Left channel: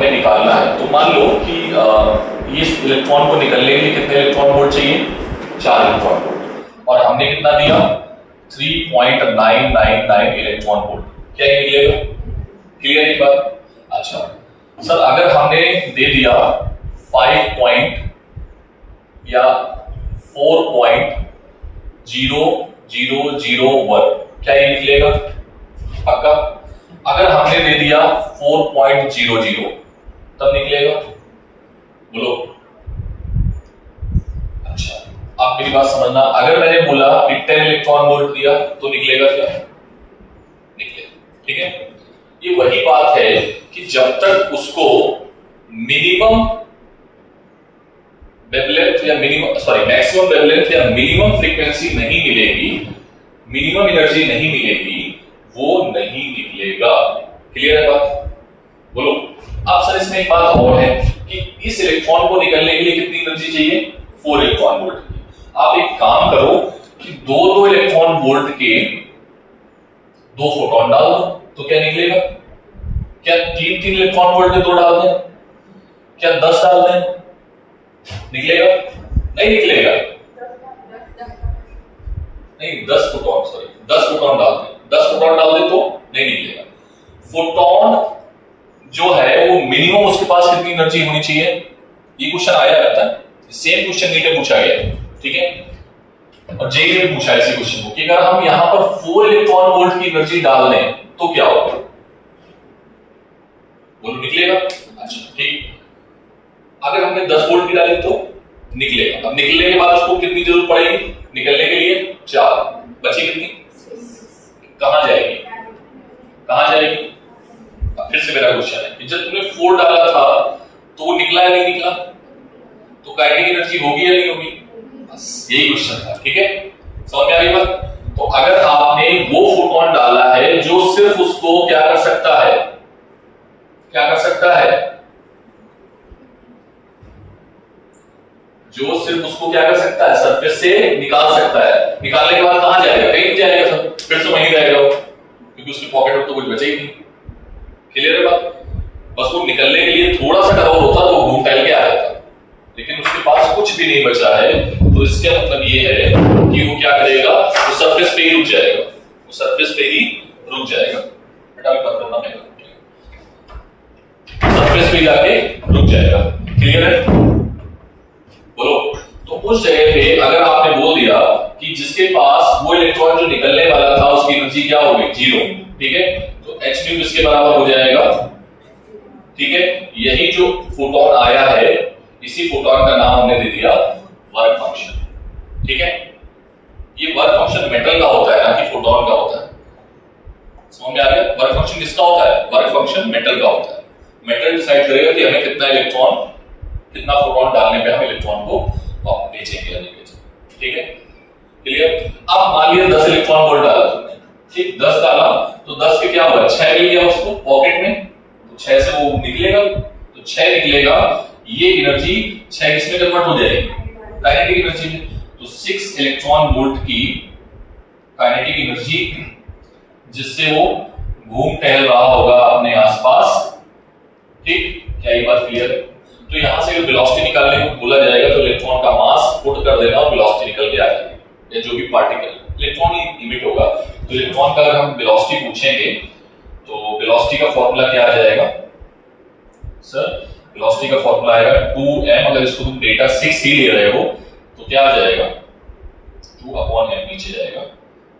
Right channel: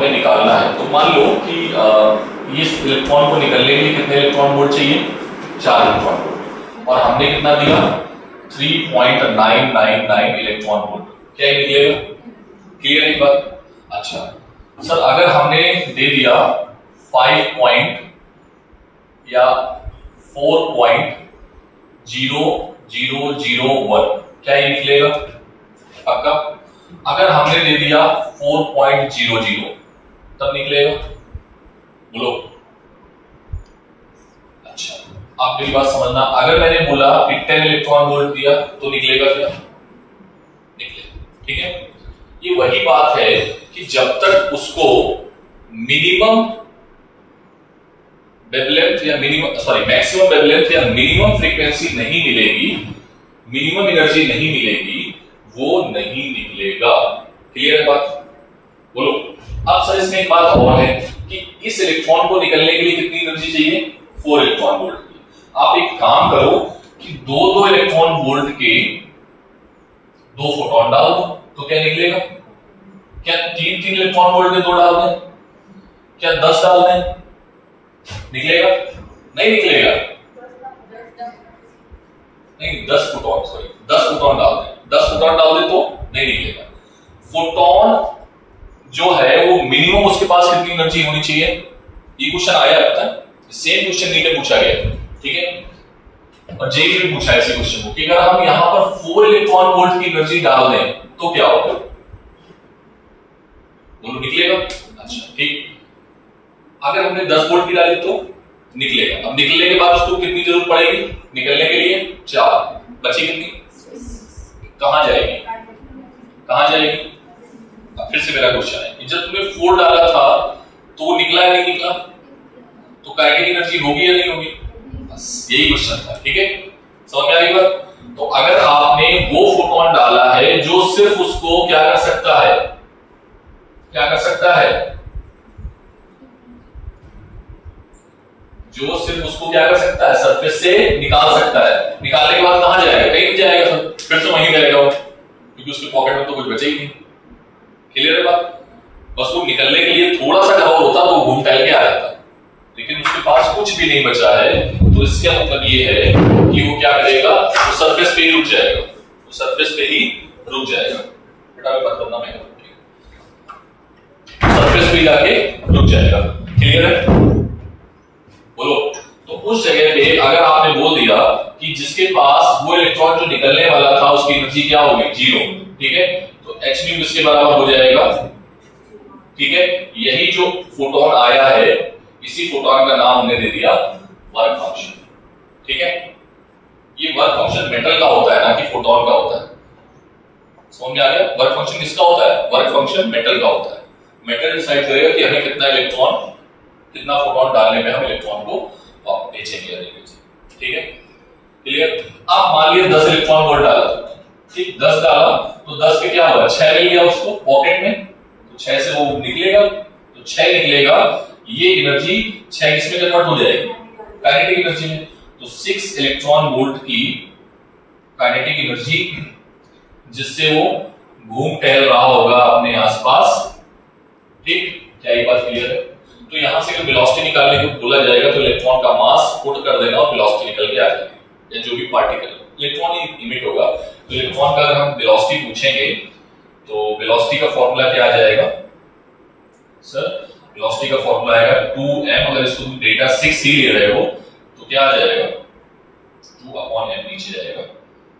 हमें निकालना है। तो मान लो कि इस इलेक्ट्रॉन को निकलने के लिए कितने इलेक्ट्रॉन वोल्ट चाहिए, 4 इलेक्ट्रॉन वोल्ट, और हमने कितना दिया 3.999 इलेक्ट्रॉन वोल्ट। क्या ये निकलेगा? क्लियर है बात? अच्छा सर, अगर हमने दे दिया 5 या 4.0001, क्या ये निकलेगा? पक्का? अगर हमने दे दिया 4.00 तब निकलेगा? बोलो। अच्छा अब मेरी बात समझना, अगर मैंने बोला कि 10 इलेक्ट्रॉन वोल्ट दिया तो निकलेगा क्या? निकलेगा। ठीक है, ये वही बात है कि जब तक उसको मिनिमम वेवलेंथ या मैक्सिमम वेवलेंथ या मिनिमम फ्रीक्वेंसी नहीं मिलेगी, मिनिमम एनर्जी नहीं मिलेगी, वो नहीं निकलेगा। क्लियर है बात? बोलो। अब सर इसमें एक बात और है कि इस इलेक्ट्रॉन को निकलने के लिए कितनी एनर्जी चाहिए? 4 इलेक्ट्रॉन वोल्ट की। आप एक काम करो कि 2 इलेक्ट्रॉन वोल्ट के 2 फोटोन डाल दो, तो क्या निकलेगा? क्या 3 इलेक्ट्रॉन वोल्ट के 2 डाल दें? क्या 10 डाल दें? निकलेगा? नहीं निकलेगा। नहीं, 10 फोटोन डाल दें, 10 फोटोन डाल दे तो नहीं निकलेगा। फोटोन जो है वो मिनिमम उसके पास कितनी एनर्जी होनी चाहिए? ये क्वेश्चन आया रहता है, सेम क्वेश्चन नीट में पूछा गया, ठीक है, और जेईई में पूछा इसी क्वेश्चन को कि अगर हम यहां पर 4 इलेक्ट्रॉन वोल्ट की एनर्जी डाल दें तो क्या होगा? बोलो, निकलेगा? अच्छा ठीक, अगर हमने 10 वोल्ट की डाली तो निकलेगा। अब निकलने के बाद उसको कितनी जरूरत पड़ेगी निकलने के लिए? 4, बची कितनी? कहां जाएगी? कहां जाएगी? अब फिर से मेरा क्वेश्चन है कि जब तुमने 4 डाला था तो वो निकला या नहीं निकला? तो काइनेटिक एनर्जी होगी या नहीं होगी? बस यही क्वेश्चन था। ठीक है, समझ में आ गई बात? तो अगर आपने वो फोटोन डाला है जो सिर्फ उसको क्या कर सकता है, क्या कर सकता है, जो सिर्फ उसको क्या कर सकता है, सरफेस से निकाल सकता है, निकालने के बाद कहां जाएगा? कहीं नहीं जाएगा सर, फिर से वहीं रहेगा वो, क्योंकि उसके पॉकेट में तो कुछ बचा ही नहीं। क्लियर है बात? बस वो निकलने के लिए थोड़ा सा कराउल होता तो वो घूम टहल के आ जाता, लेकिन उसके पास कुछ भी नहीं बचा है, तो इसका मतलब ये है कि वो क्या करेगा, वो सरफेस पे ही रुक जाएगा, वो सरफेस पे ही रुक जाएगा। बेटा बात करना मैं सरफेस पे जाके रुक जाएगा। क्लियर है? बोलो। तो उस जगह पे अगर आपने बोल दिया कि जिसके पास वो इलेक्ट्रॉन जो निकलने वाला था उसकी एनर्जी क्या होगी? 0। ठीक है, तो h भी इसके बराबर हो जाएगा। ठीक है, यही जो फोटोन आया है इसी फोटोन का नाम हमने दे दिया वर्क फंक्शन। ठीक है, ये वर्क फंक्शन मेटल का होता है ना कि फोटोन का होता है। समझ में आ गया? वर्क फंक्शन किसका होता है? वर्क फंक्शन मेटल का होता है। मेटल डिसाइड करेगा कि हमें कितना इलेक्ट्रॉन, कितना फोटोन डालने पे हम इलेक्ट्रॉन को भेजेंगे या नहीं भेजेंगे। ठीक है, क्लियर? अब मान लिया 10 इलेक्ट्रॉन वोल्ट डाला तुमने, ठीक, 10 डाला तो 10 पे क्या हुआ? 6 मिल गया उसको पॉकेट में, तो 6 से वो निकलेगा, तो 6 निकलेगा, ये एनर्जी 6 किसमें कन्वर्ट हो जाएगी? काइनेटिक एनर्जी में। तो 6 इलेक्ट्रॉन वोल्ट की काइनेटिक एनर्जी जिससे वो घूम टहल रहा होगा अपने आसपास। ठीक, क्या ये बात क्लियर है? तो यहां से वेलोसिटी निकालने को बोला जाएगा तो इलेक्ट्रॉन का मास पुट कर देना और वेलोसिटी निकल के आ जाएगी, या जो भी पार्टिकल इलेक्ट्रॉन ही इमिट होगा। तो इलेक्ट्रॉन का अगर हम वेलोसिटी पूछेंगे तो वेलोसिटी का फॉर्मूला क्या आ जाएगा सर? वेलोसिटी का फॉर्मूला आएगा 2m, अगर इसको तुम डेटा 6 ही ले रहे हो तो क्या आ जाएगा? 2/m नीचे जाएगा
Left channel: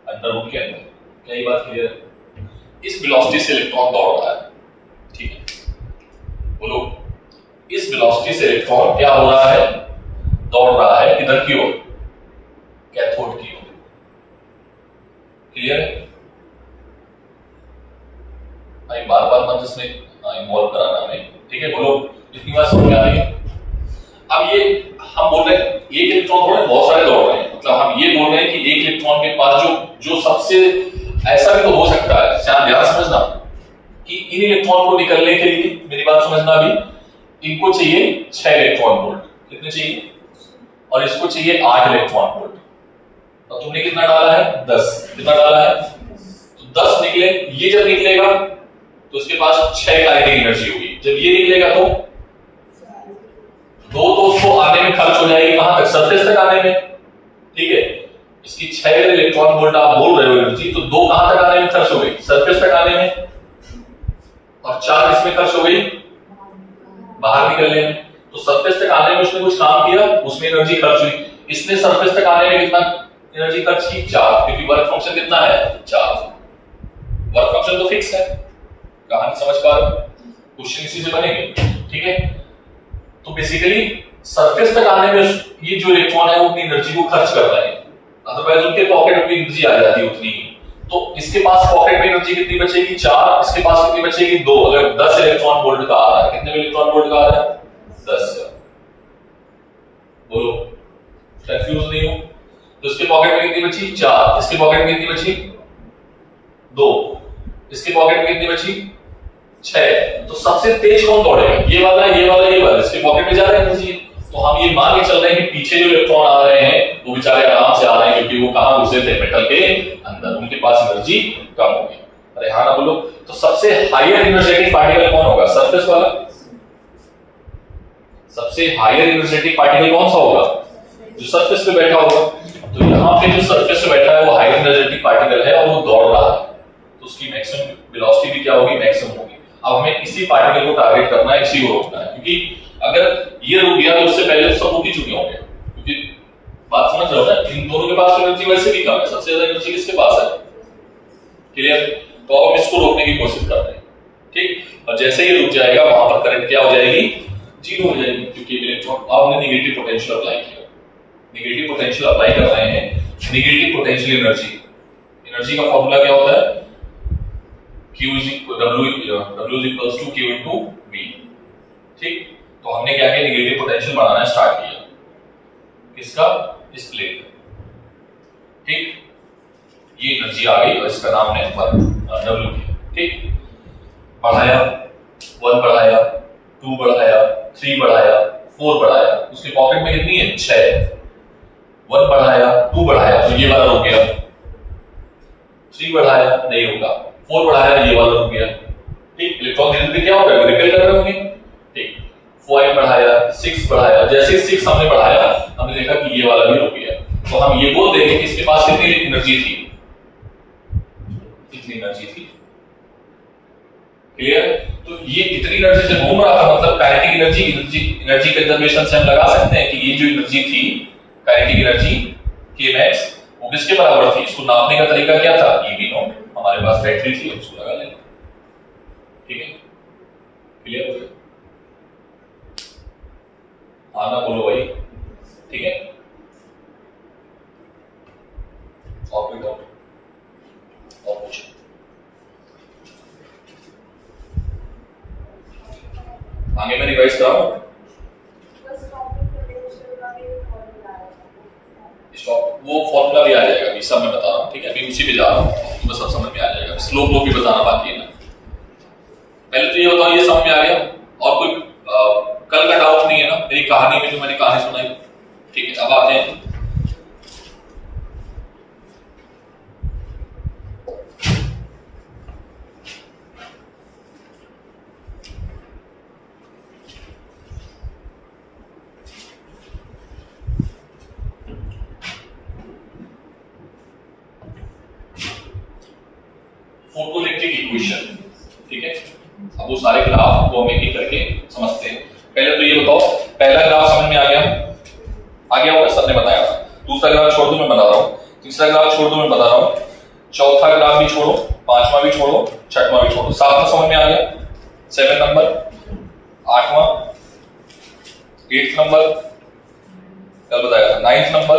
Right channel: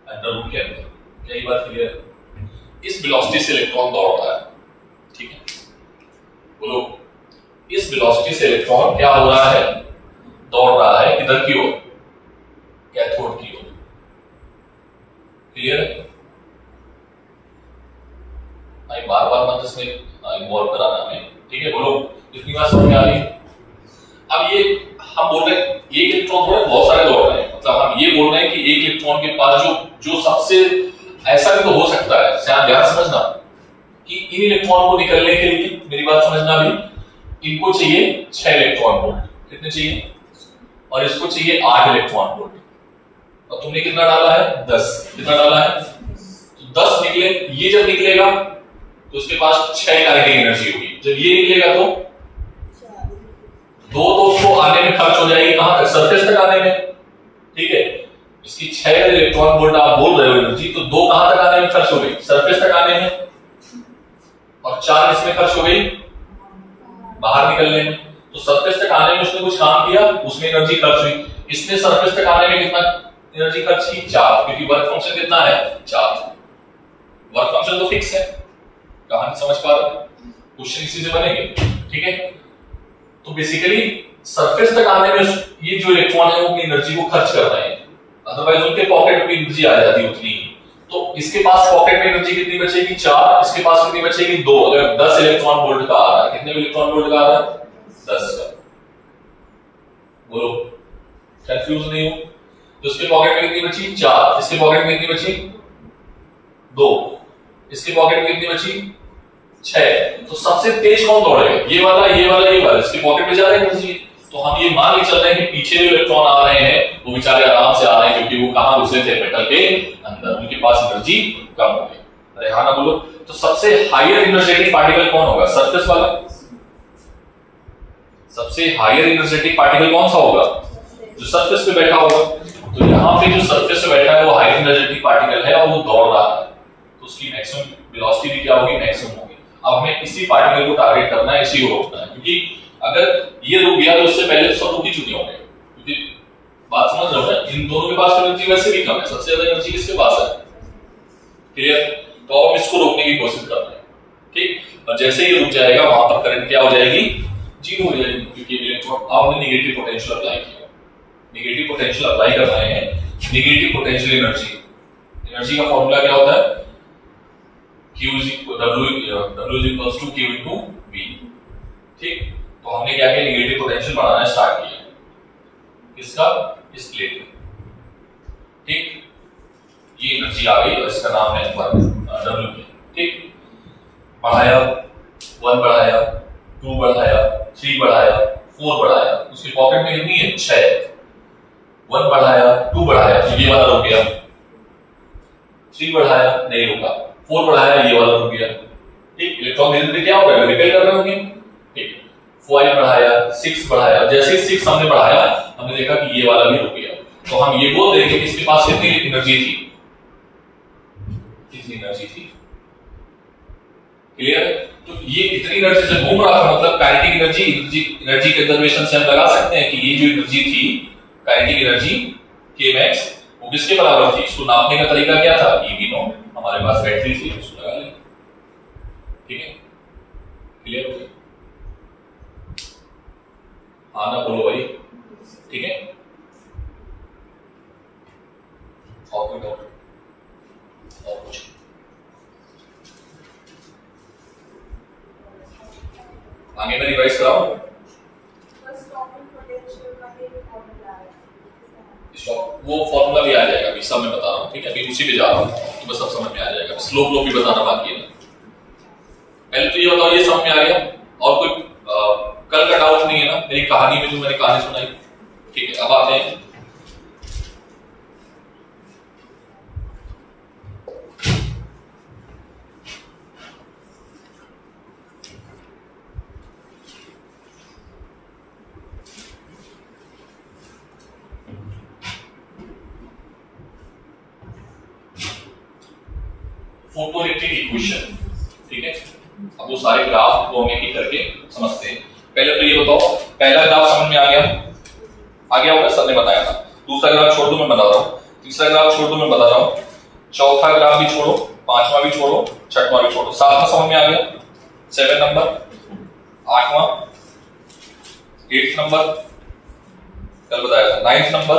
अंडर रूट के अंदर। क्या ये बात क्लियर है? इस वेलोसिटी से इलेक्ट्रॉन दौड़ रहा है। ठीक है, बोलो। इस वेलोसिटी से इलेक्ट्रॉन क्या हो रहा है? दौड़ रहा है किधर की ओर? कैथोड की ओर। क्लियर है? बार बार मत इसमें इन्वॉल्व कराना हमें। ठीक है, बोलो। इतनी बात समझ में आ रही है? अब ये हम बोल रहे हैं एक इलेक्ट्रॉन थोड़े बहुत सारे दौड़ रहे हैं, मतलब हम ये बोल रहे हैं कि एक इलेक्ट्रॉन के पास जो सबसे ऐसा भी तो हो सकता है, ध्यान समझना कि इन इलेक्ट्रॉन को निकलने के लिए, मेरी बात समझना भी, इनको चाहिए 6 इलेक्ट्रॉन वोल्ट। कितने चाहिए? और इसको चाहिए 8 इलेक्ट्रॉन वोल्ट। और तुमने कितना डाला है? 10। कितना डाला है? तो 10 निकले। ये जब निकलेगा तो उसके पास 6 काइनेटिक एनर्जी होगी। जब ये निकलेगा तो 2 तो उसको आने में खर्च हो जाएगी, कहां तक? सरफेस तक आने में, ठीक है। इसकी 6 इलेक्ट्रॉन वोल्ट आप बोल रहे हो एनर्जी, तो 2 कहां तक आने में खर्च हो गई? सरफेस तक आने में, और 4 इसमें खर्च हो गई बाहर निकलने में। तो सरफेस तक आने में उसने कुछ काम किया, उसमें एनर्जी खर्च हुई। इसने सरफेस तक आने में कितना एनर्जी खर्च की? 4, क्योंकि वर्क फंक्शन कितना है? 4। वर्क फंक्शन तो फिक्स है। कहानी समझ पा रहे हो? क्वेश्चन इसी से बनेंगे, ठीक है। तो बेसिकली सरफेस तक आने में ये जो इलेक्ट्रॉन है वो अपनी एनर्जी को खर्च कर रहे हैं, अदरवाइज उनके पॉकेट में एनर्जी आ जाती है उतनी। तो इसके पास पॉकेट में एनर्जी कितनी बचेगी? 4। इसके पास कितनी बचेगी? 2। अगर 10 इलेक्ट्रॉन वोल्ट का आ रहा है, कितने इलेक्ट्रॉन वोल्ट का आ रहा है? 10 का। बोलो, कंफ्यूज नहीं हो? तो इसके पॉकेट में कितनी बची? 4। इसके पॉकेट में कितनी बची? 2। इसके पॉकेट में कितनी बची? 6। तो सबसे तेज कौन दौड़ेगा? ये वाला, ये वाला, ये वाला। इसके पॉकेट में ज्यादा एनर्जी। तो हम ये मान के चल रहे हैं कि पीछे जो इलेक्ट्रॉन आ रहे हैं वो बेचारे आराम से आ रहे हैं, क्योंकि वो कहां घुसे थे? मेटल के अंदर। उनके पास एनर्जी कम हो गई। अरे हाँ ना बोलो। तो सबसे हायर एनर्जेटिक पार्टिकल कौन होगा? सरफेस वाला। सबसे हायर एनर्जेटिक पार्टिकल कौन सा होगा? जो सरफेस पे बैठा होगा। तो यहाँ पे जो सरफेस पे बैठा है वो हायर एनर्जेटिक पार्टिकल है और वो दौड़ रहा है, तो उसकी मैक्सिमम वेलोसिटी भी क्या होगी? मैक्सिमम होगी। अब हमें इसी पार्टिकल को टारगेट करना है, इसी को रोकना है, क्योंकि अगर ये रुक गया तो उससे पहले सब रुक ही चुके होंगे। क्योंकि बात समझ रहे हो ना? इन दोनों के पास एनर्जी वैसे भी कम है, सबसे ज्यादा एनर्जी किसके पास है? क्लियर? तो हम इसको रोकने की कोशिश कर रहे हैं, ठीक। और जैसे ही रुक जाएगा वहां पर करंट क्या हो जाएगी? 0 हो जाएगी, क्योंकि इलेक्ट्रॉन हमने नेगेटिव पोटेंशियल अप्लाई किया। नेगेटिव पोटेंशियल अप्लाई कर रहे हैं। नेगेटिव पोटेंशियल एनर्जी का फॉर्मूला क्या होता है? Q is W is equals to Q into V, ठीक। तो हमने क्या किया? नेगेटिव पोटेंशियल बढ़ाना स्टार्ट किया। किसका? इस प्लेट का, ठीक। ये एनर्जी आ गई और इसका नाम है W किया, ठीक। बढ़ाया, 1 बढ़ाया, 2 बढ़ाया, 3 बढ़ाया, 4 बढ़ाया। उसके पॉकेट में कितनी है? 6। 1 बढ़ाया, 2 बढ़ाया, तो ये वाला रुक गया। 3 बढ़ाया, नहीं रुका। 4 बढ़ाया, ये वाला रुक गया, ठीक। इलेक्ट्रॉन धीरे धीरे क्या हो रहा है? रिपेल कर रहे होंगे, ठीक। 5 बढ़ाया, 6 बढ़ाया। जैसे 6 हमने बढ़ाया, हमने देखा कि ये वाला भी रुक गया। तो हम ये बोल देंगे कि इसके पास कितनी एनर्जी थी? इतनी एनर्जी थी। क्लियर? तो ये इतनी एनर्जी से घूम रहा था, मतलब काइनेटिक एनर्जी कंजर्वेशन से हम लगा सकते हैं कि ये जो एनर्जी थी काइनेटिक एनर्जी के मैक्स, वो किसके बराबर थी? इसको नापने का तरीका क्या था? EV not. हमारे पास बैटरी थी, उसको लगा लें, ठीक है। क्लियर हो गया? हाँ ना बोलो भाई, ठीक है। और कोई डाउट? और कुछ? आगे मैं रिवाइज कराऊं? वो फॉर्मूला भी आ जाएगा, अभी सब मैं बता रहा हूँ, ठीक है। अभी उसी पे जा रहा हूँ, तो बस सब समझ में आ जाएगा। स्लोप लो भी बताना बाकी है ना। पहले तो ये बताओ, ये समझ में आ गया? और कोई कल का डाउट नहीं है ना मेरी कहानी में, जो मैंने कहानी सुनाई, ठीक है। अब आते हैं फोटोइलेक्ट्रिक इक्वेशन, ठीक है। अब वो सारे ग्राफ को हम एक एक करके समझते हैं। पहले तो ये बताओ, पहला ग्राफ समझ में आ गया? आ गया होगा, सबने बताया था। दूसरा ग्राफ छोड़ दो, मैं बता रहा हूँ। तीसरा ग्राफ छोड़ दो, मैं बता रहा हूँ। चौथा ग्राफ भी छोड़ो, पांचवा भी छोड़ो, छठवां भी छोड़ो। सातवां समझ में आ गया? 7 नंबर, 8वां, 8th नंबर कल बताया था। 9th नंबर,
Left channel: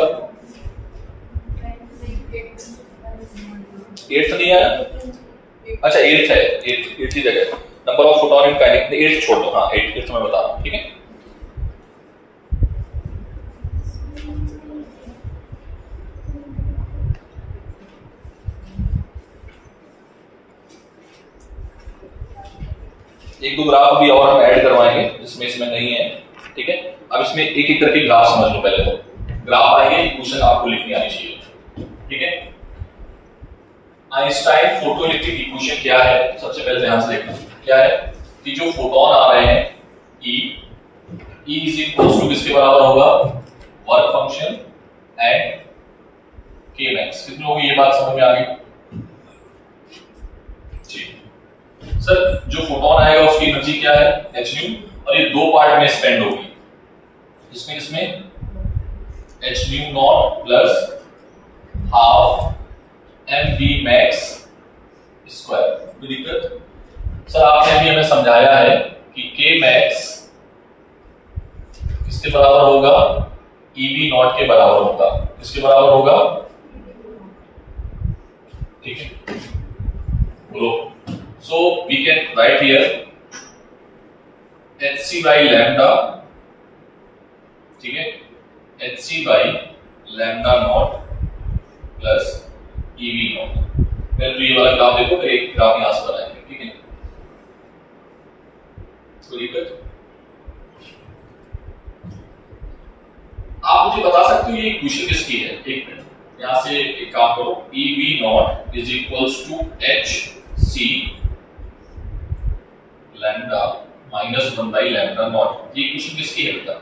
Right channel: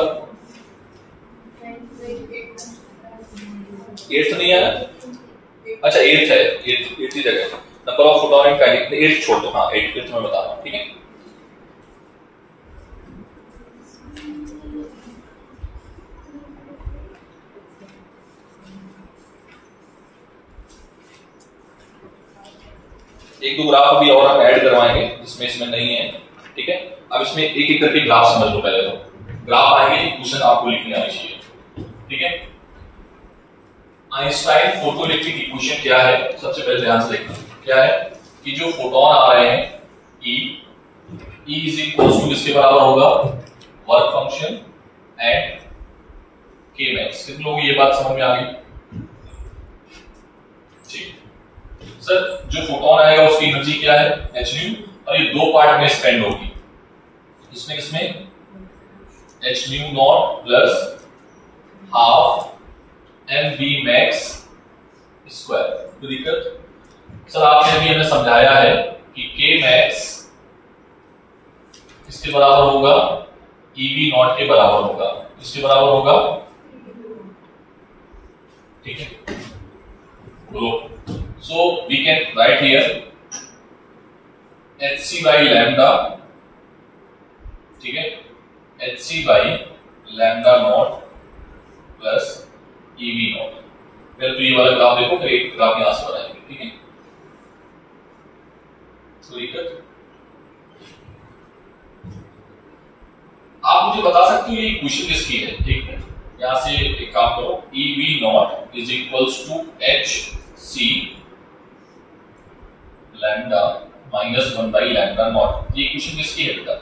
8th नहीं आया? अच्छा 8th है, 8th की जगह number of photon in kinetic, 8th छोड़ दो। हाँ 8th मैं बता रहा हूँ, ठीक है। एक दो ग्राफ भी और हम ऐड करवाएंगे जिसमें इसमें नहीं है, ठीक है। अब इसमें एक एक करके ग्राफ समझ लो। पहले तो ग्राफ आएंगे, क्वेश्चन आपको लिखनी आनी चाहिए, ठीक है। आइंस्टाइन फोटोइलेक्ट्रिक इक्वेशन क्या है, सबसे पहले ध्यान से देखना क्या है कि जो फोटोन आ रहे हैं E इज इक्वल टू किसके बराबर होगा, वर्क फंक्शन एंड के मैक्स। कितने लोगों को ये बात समझ में आ गई? सर जो फोटोन आएगा उसकी एनर्जी क्या है, h न्यू, और ये दो पार्ट में स्पेंड होगी, इसमें किसमें h nu not plus half m b max square. कोई दिक्कत? सर आपने अभी हमें समझाया है कि k मैक्स किसके बराबर होगा, EV नॉट के बराबर होगा। किसके बराबर होगा? ठीक है, बोलो। So we can write here hc by lambda, ठीक है, hc by lambda not plus EV not. पहले तो ये वाला ग्राफ देखो, फिर एक ग्राफ यहां से बनाएंगे, ठीक है। तो दिक्कत आप मुझे बता सकते हो ये इक्वेशन किसकी है? एक मिनट, यहां से एक काम करो, EV not is equals to hc lambda minus 1 by lambda not. ये इक्वेशन किसकी है बेटा?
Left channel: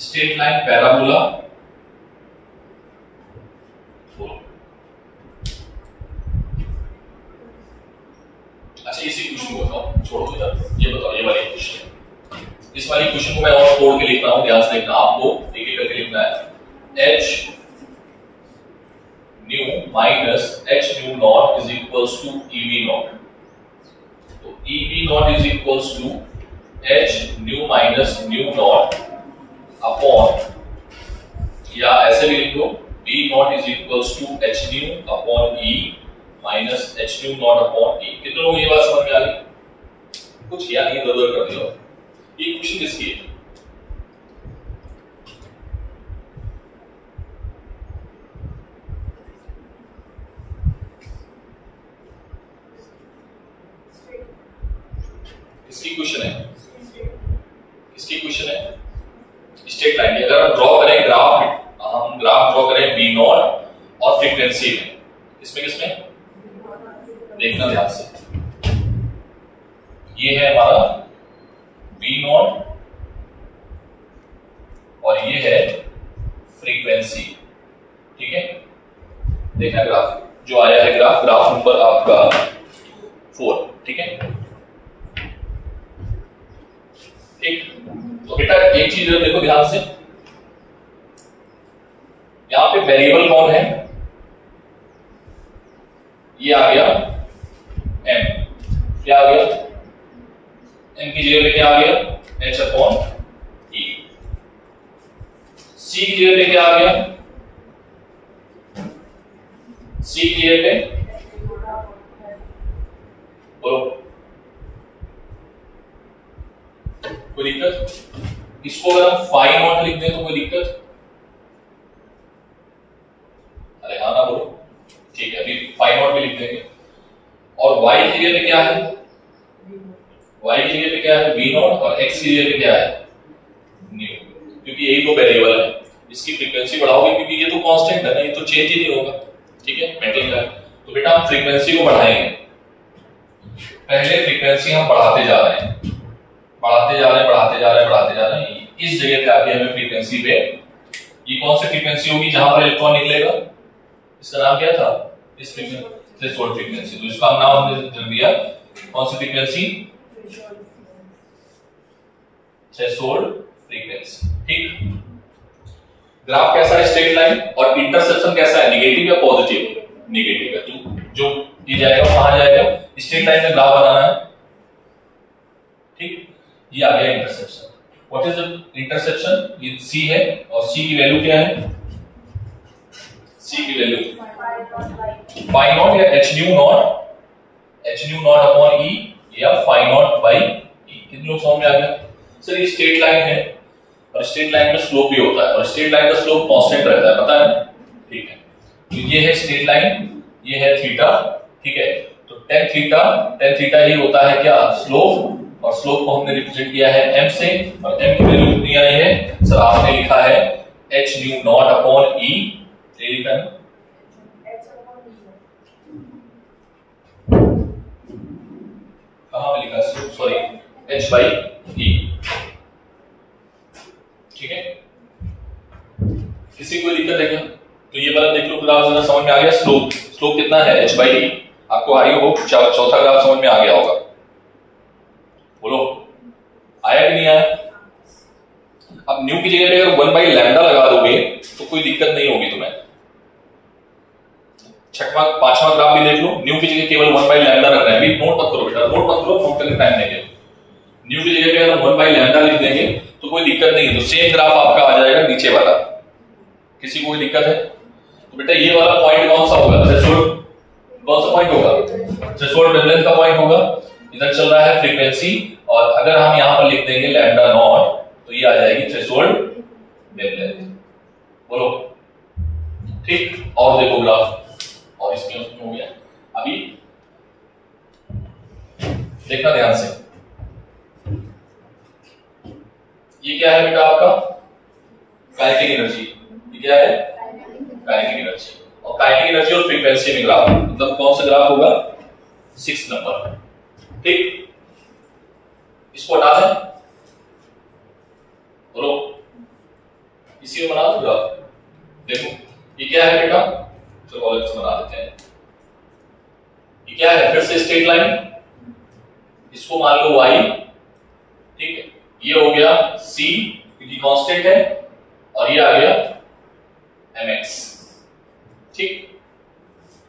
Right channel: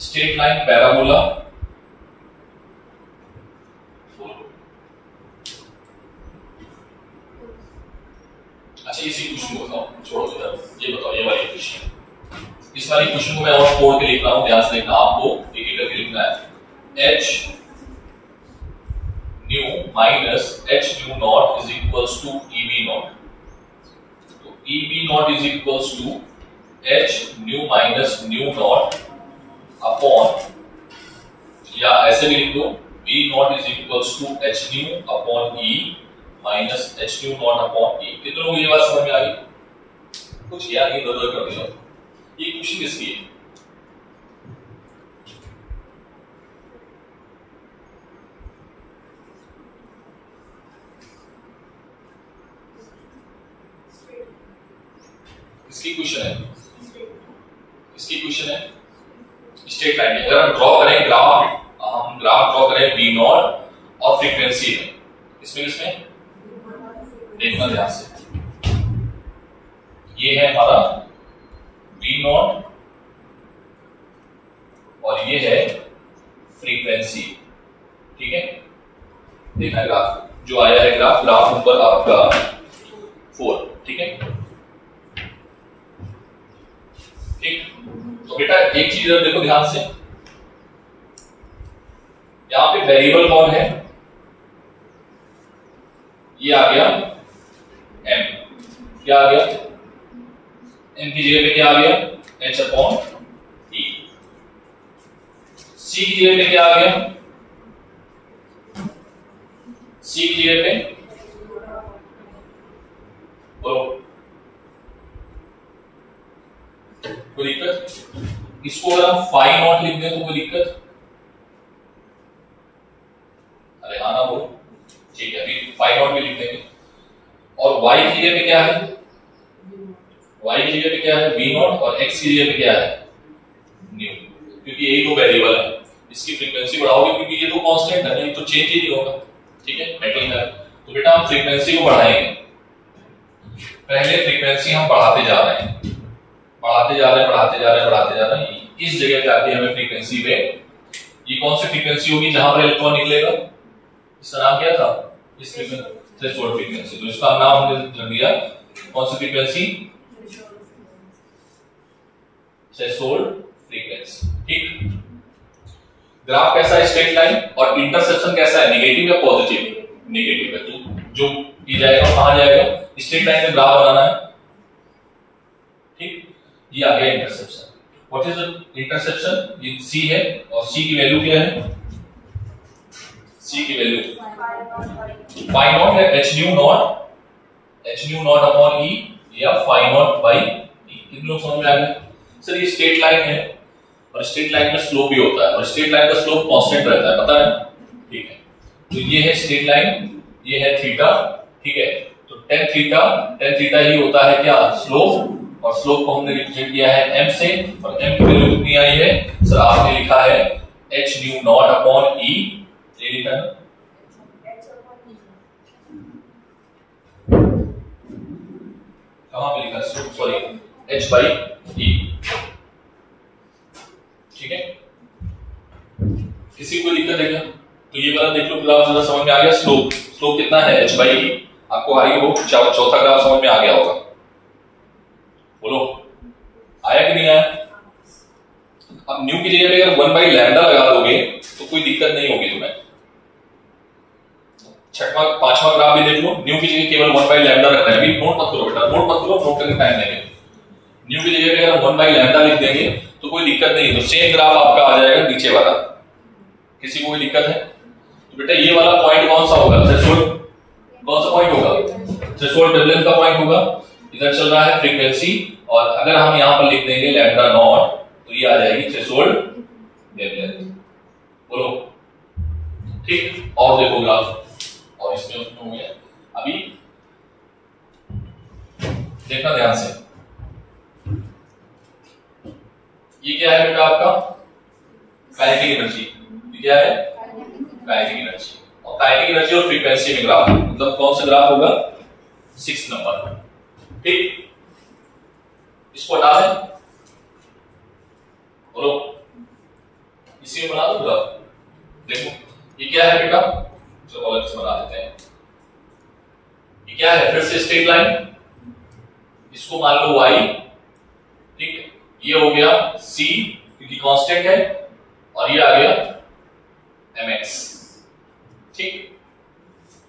स्ट्रेट लाइन पैराबोला, अच्छा इसी इक्वेशन को बताओ, छोड़ो इधर, ये बताओ, ये वाली इक्वेशन, इस वाली इक्वेशन को मैं और तोड़ के लिख रहा हूं, ध्यान से देखना, आपको एक एक करके लिखना है। h nu minus h nu not is equals to EV not. तो EV not is equals to h nu minus nu not upon, या ऐसे भी लिख दो, V not is equals to h nu upon E minus h nu not upon E। कितने लोगों को ये बात समझ में आ गई? कुछ किया नहीं, इधर-उधर कर दिया। ये इक्वेशन किसकी है? किसकी क्वेश्चन है? किसकी क्वेश्चन है? Straight line. अगर हम ड्रॉ करें ग्राफ, हम ग्राफ ड्रॉ करें V नॉट और फ्रीक्वेंसी में, इसमें किसमें देखना ध्यान से, ये है हमारा V नॉट और ये है फ्रीक्वेंसी, ठीक है। देखना ग्राफ जो आया है, ग्राफ नंबर आपका 4, ठीक है। ठीक, तो बेटा एक चीज देखो ध्यान से, यहां पे वेरिएबल कौन है? ये आ गया m, क्या आ गया? m की जगह पे क्या आ गया? h upon e। c की जगह पे क्या आ गया? c की जगह पे बोलो, कोई दिक्कत? इसको अगर हम फाई नॉट लिख दें तो कोई दिक्कत? अरे हाँ ना बोलो, ठीक है, अभी फाई नॉट भी लिख देंगे। और y की जगह पे क्या है? y की जगह पे क्या है? v नॉट, और x की जगह पे क्या है? न्यू, क्योंकि यही दो वेरिएबल है। इसकी फ्रीक्वेंसी बढ़ाओगे क्योंकि ये तो कांस्टेंट है ना, ये तो चेंज ही नहीं होगा, ठीक है, मेटल का। तो बेटा हम फ्रीक्वेंसी को बढ़ाएंगे, पहले फ्रीक्वेंसी हम बढ़ाते जा रहे हैं, बढ़ाते जा रहे हैं, बढ़ाते जा रहे हैं, बढ़ाते जा रहे हैं। इस जगह पे आके हमें फ्रीक्वेंसी पे, ये कौन सी फ्रीक्वेंसी होगी जहां पर इलेक्ट्रॉन निकलेगा? इसका नाम क्या था? इस फ्रीक्वेंसी थ्रेशोल्ड फ्रीक्वेंसी। तो इसका नाम हमने दिया कौन सी फ्रीक्वेंसी? थ्रेशोल्ड फ्रीक्वेंसी, ठीक। ग्राफ कैसा है? Straight line. और इंटरसेप्शन कैसा है? नेगेटिव या पॉजिटिव? नेगेटिव है। तो जो ये जाएगा कहां जाएगा? स्ट्रेट लाइन में ग्राफ बनाना है, ठीक। ये आ गया interception. What is the interception? ये c है, और c की वैल्यू क्या है? c की वैल्यू फाई नॉट या h nu not upon e, या फाई नॉट बाई e। कितने लोग समझ में आ गया? सर ये स्ट्रेट लाइन है, और स्ट्रेट लाइन में स्लोप भी होता है, और स्ट्रेट लाइन का स्लोप कांस्टेंट रहता है, पता है, ठीक है। तो ये है स्ट्रेट लाइन, ये है थीटा, ठीक है। तो tan थीटा ही होता है क्या? स्लोप। और स्लोप को हमने रिप्रेजेंट किया है m से, और m की वैल्यू कितनी आई है? सर आपने लिखा है एच न्यू नॉट अपॉन ई, ये लिखा है ना, कहां पे लिखा है, सॉरी एच बाई ई, ठीक है। किसी कोई दिक्कत है क्या? तो ये वाला देख लो ग्राफ, जरा समझ में आ गया। स्लोप, स्लोप कितना है, एच बाई ई। आपको आई हो चौथा ग्राफ समझ में आ गया होगा, बोलो आया कि नहीं आया? अब न्यू की जगह पे अगर 1 बाई लैम्डा लगा दोगे तो कोई दिक्कत नहीं होगी तुम्हें। छठवां पांचवा ग्राफ भी देख लो, न्यू की जगह केवल 1 बाई लैम्डा रखना है। अभी नोट मत करो बेटा, नोट मत करो, नोट करने टाइम नहीं। न्यू की जगह पे अगर 1 बाई लैम्डा लिख देंगे तो कोई दिक्कत नहीं है, तो सेम ग्राफ आपका आ जाएगा नीचे वाला। किसी को कोई दिक्कत है? तो बेटा ये वाला पॉइंट कौन सा होगा, थ्रेशोल्ड कौन सा पॉइंट होगा, थ्रेशोल्ड वेवलेंथ का पॉइंट होगा। इधर चल रहा है फ्रीक्वेंसी, और अगर हम यहां पर लिख देंगे लैम्डा नॉट तो ये आ जाएगी थ्रेशोल्ड वेवलेंथ। बोलो ठीक। और देखो ग्राफ, और इसमें उसमें हो गया। अभी देखना ध्यान से, ये क्या है बेटा आपका काइनेटिक एनर्जी, ये क्या है काइनेटिक एनर्जी, और काइनेटिक एनर्जी और फ्रीक्वेंसी में ग्राफ, मतलब कौन सा ग्राफ होगा, 6 नंबर, ठीक। इसको हटा दें, बोलो इसी में बना दूंगा। देखो ये क्या है बेटा, चलो अलग से बना देते हैं। ये क्या है, फिर से स्ट्रेट लाइन, इसको मान लो y, ठीक है। ये हो गया c क्योंकि कांस्टेंट है, और ये आ गया mx, ठीक।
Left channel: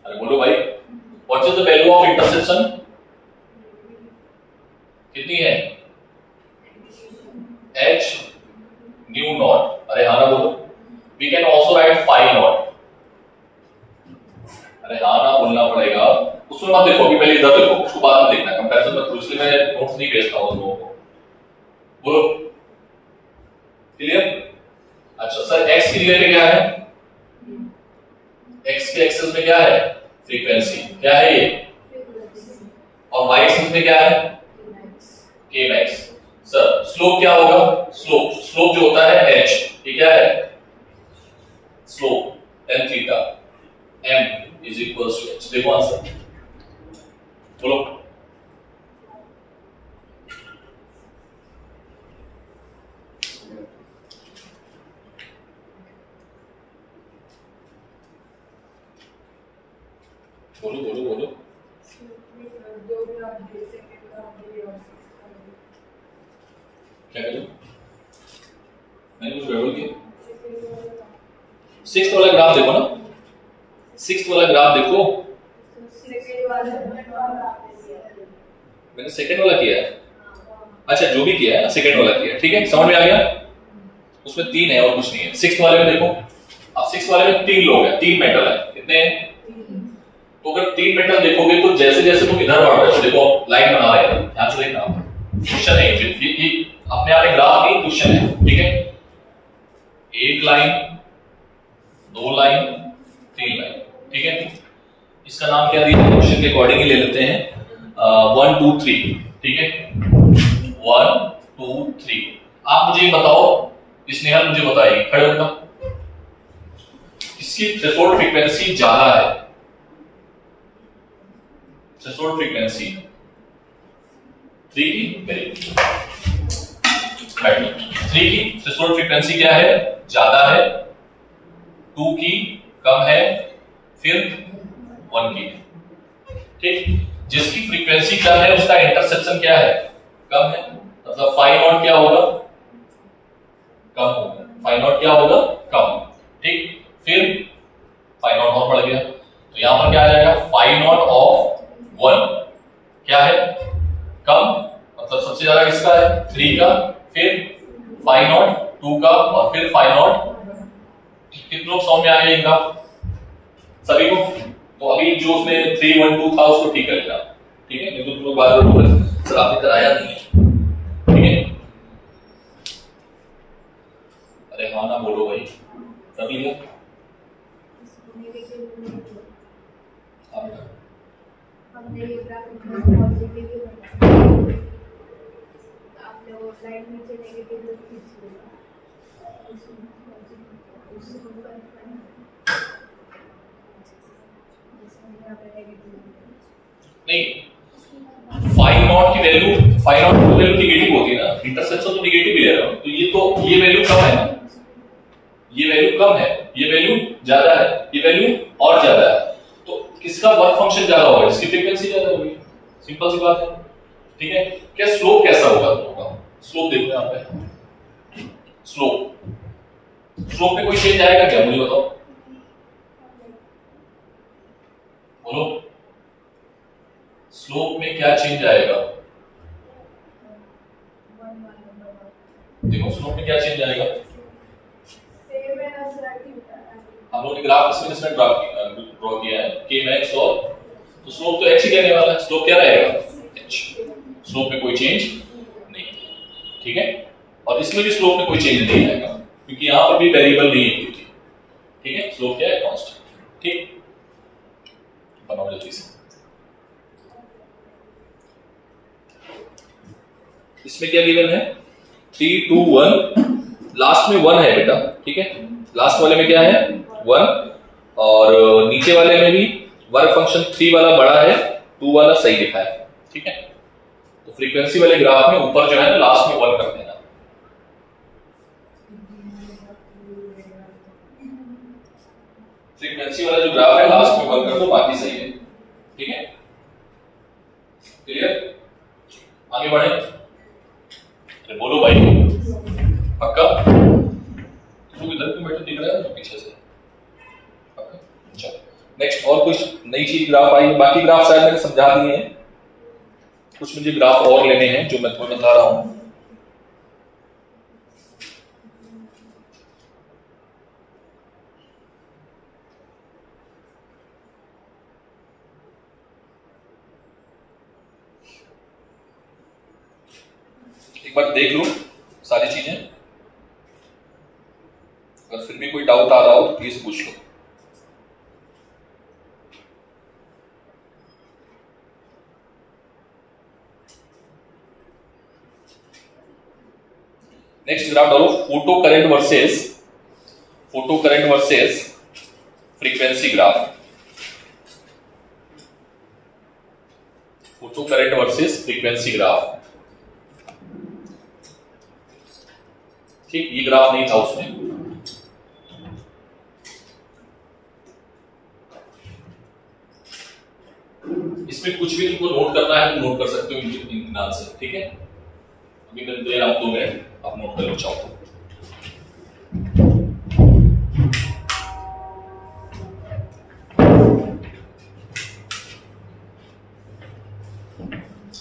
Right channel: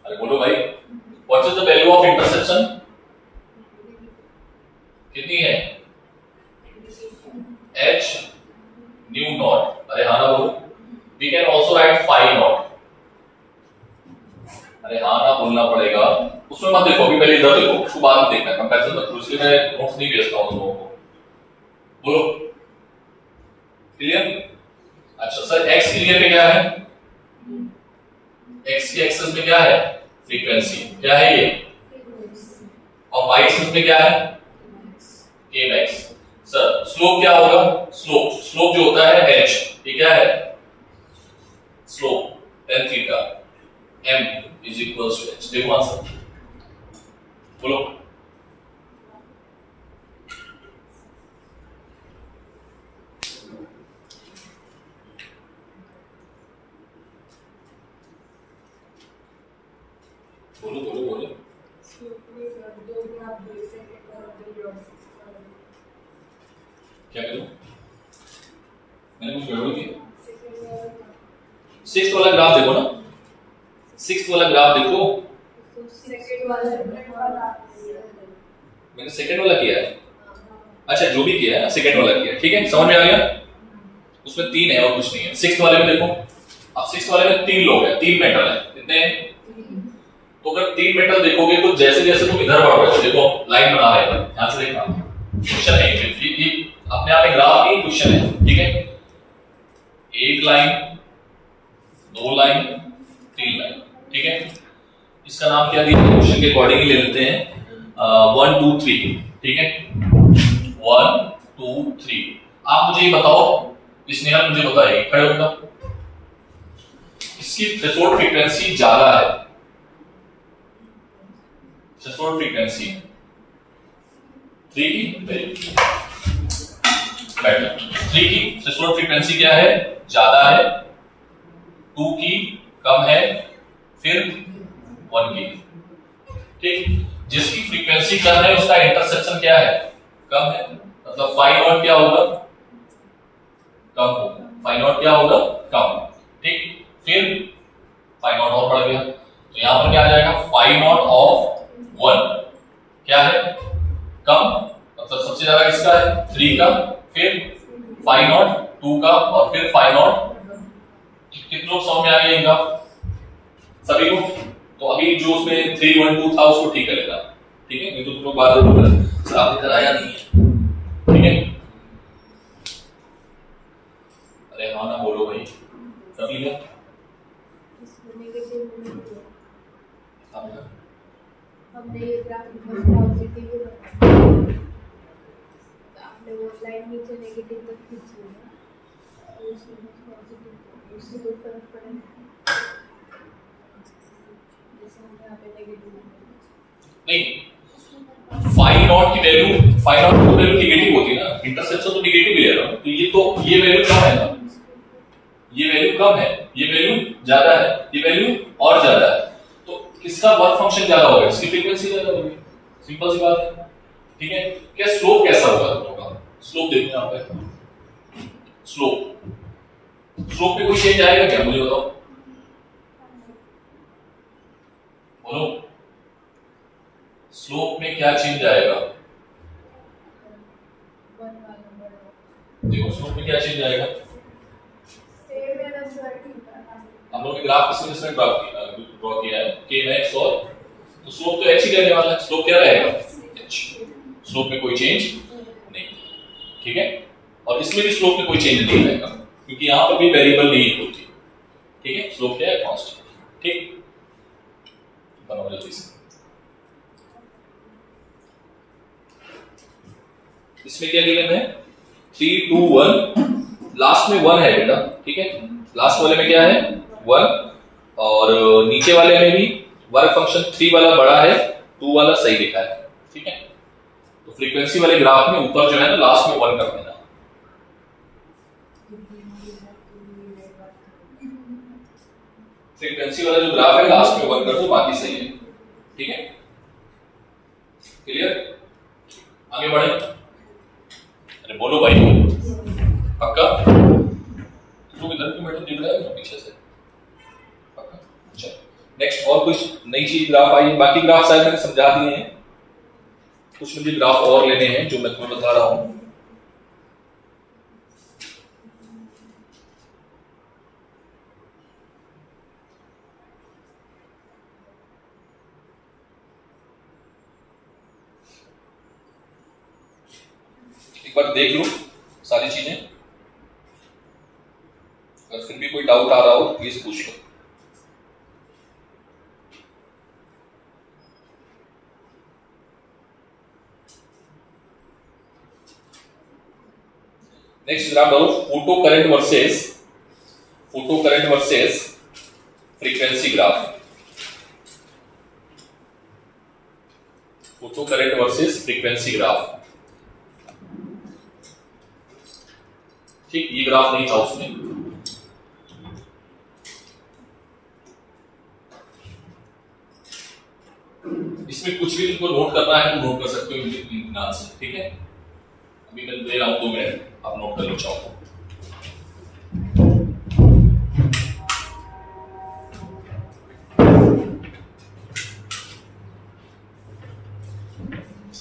अरे बोलो भाई, what is the value of interception, कितनी है, h न्यू नॉट। अरे हाँ ना बोलो, we can also write phi not. अरे हाँ ना बोलना पड़ेगा, उसमें मत देखो, अभी पहले इधर देखो, उसको बाद में देखना, कंपैरिजन मत करो, इसलिए मैं नोट्स नहीं भेजता हूं तुम लोगों को। बोलो क्लियर? अच्छा सर, x की जगह पे क्या है, x के एक्सिस में क्या है, फ्रीक्वेंसी, क्या है ये, और y एक्सिस में क्या है, kmax। सर स्लोप क्या होगा, स्लोप, स्लोप जो होता है h, ये क्या है, slope tan theta, m is equals to h। देखो आंसर, बोलो बोलो बोलो बोलो। क्या करूं, मैंने कुछ गड़बड़ किया? 6th वाला ग्राफ देखो ना, 6th वाला ग्राफ देखो, मैंने सेकंड वाला किया है। अच्छा जो भी किया है सेकंड वाला किया, ठीक है, समझ में आ गया। उसमें 3 है और कुछ नहीं है। 6th वाले में देखो, अब 6th वाले में 3 लोग हैं, 3 मेटल है, कितने हैं, तो अगर 3 मेटल देखोगे तो जैसे जैसे तुम इधर बढ़ रहे हो, देखो लाइन बना रहे हैं, ध्यान से देखना, क्वेश्चन है ये अपने आप में ग्राफ नहीं, क्वेश्चन है, ठीक है। 1 लाइन, 2 लाइन, 3 लाइन, ठीक है। इसका नाम क्या दिया है, क्वेश्चन के अकॉर्डिंग ही ले लेते हैं, 1 2 3, ठीक है, 1 2 3। आप मुझे बताओ, स्नेहल मुझे बताइए, खड़े हो बेटा, इसकी थ्रेशोल्ड फ्रीक्वेंसी ज्यादा है, थ्रेशोल्ड फ्रीक्वेंसी 3 की, 3 की थ्रेशोल्ड फ्रीक्वेंसी क्या है, ज्यादा है, 2 की कम है, फिर 1 की, ठीक। जिसकी फ्रीक्वेंसी कम है उसका इंटरसेप्शन क्या है, कम है, मतलब फाई नॉट क्या होगा, कम होगा, फाई नॉट क्या होगा, कम, ठीक। फिर फाई नॉट और बढ़ गया, तो यहां पर क्या आ जाएगा, फाई नॉट ऑफ 1 क्या है, कम, मतलब सबसे ज्यादा किसका है, 3 का, फिर फाई नॉट 2 का, और फिर फाई नॉट, कितने लोग समझ में आ गए इनका, सभी को। तो अभी जो उसमें 3 1 2 था उसको ठीक कर लेना, ठीक है, नहीं तो तुम लोग बाद में बोल रहे सर आपने कराया नहीं है, ठीक है। अरे हाँ ना बोलो भाई, कर लिया हमने ये ग्राफ पॉजिटिव ही बनाया, आपने वो लाइन नीचे नेगेटिव तो खींच लिया, उससे कोई फर्क पड़ेगा जैसे यहाँ पे नेगेटिव नहीं, फाई नॉट की वैल्यू नेगेटिव होती है ना, इंटरसेप्शन तो नेगेटिव ही ले रहा हूं, तो ये वैल्यू कम है ना, ये वैल्यू कम है, ये वैल्यू ज्यादा है, ये वैल्यू और ज्यादा है, तो किसका वर्क फंक्शन ज्यादा होगा, इसकी फ्रीक्वेंसी ज्यादा होगी, सिंपल सी बात है। ठीक है, क्या स्लोप कैसा होगा दोनों का, स्लोप देखो यहां पे, स्लोप में कोई चेंज आएगा क्या, मुझे बताओ, बोलो स्लोप में क्या चेंज आएगा, देखो स्लोप में क्या चेंज आएगा, हम लोग ने ग्राफ किस वजह से ड्रॉ किया है, k मैक्स और, तो स्लोप तो h ही रहने वाला है, स्लोप क्या रहेगा h, स्लोप में कोई चेंज नहीं। ठीक है, और इसमें भी स्लोप में कोई चेंज नहीं आएगा क्योंकि यहां पर भी वेरिएबल नहीं होती। ठीक है, स्लोप क्या है, कांस्टेंट। ठीक, बनाओ जल्दी से, इसमें क्या गिवन है 3 2 1, लास्ट में 1 है बेटा। ठीक है, लास्ट वाले में क्या है 1, और नीचे वाले में भी वर्क फंक्शन 3 वाला बड़ा है, 2 वाला सही लिखा है। ठीक है, तो फ्रीक्वेंसी वाले ग्राफ में ऊपर जो है ना लास्ट में 1 कर देना, फ्रीक्वेंसी वाला जो ग्राफ है लास्ट में 1 कर दो, बाकी सही है। ठीक है, क्लियर, आगे बढ़े, अरे बोलो भाई पक्का, तुम इधर क्यों बैठे दिख रहा है पीछे से, पक्का। अच्छा, नेक्स्ट और कुछ नई चीज ग्राफ आई, बाकी ग्राफ शायद मैंने समझा दिए हैं, कुछ मुझे ग्राफ और लेने हैं जो मैं तुम्हें बता रहा हूं। एक बार देख लो सारी चीजें, अगर फिर भी कोई डाउट आ रहा हो तो प्लीज पूछ लो। नेक्स्ट ग्राफ डालो, photo current versus frequency graph, photo current versus frequency graph. ठीक, ये ग्राफ नहीं था उसमें, इसमें कुछ भी तुमको नोट करना है तो नोट कर सकते हो इत्मीनान से। ठीक है, अभी मैं दे रहा हूं 2 मिनट, आप नोट कर लो चाहो तो।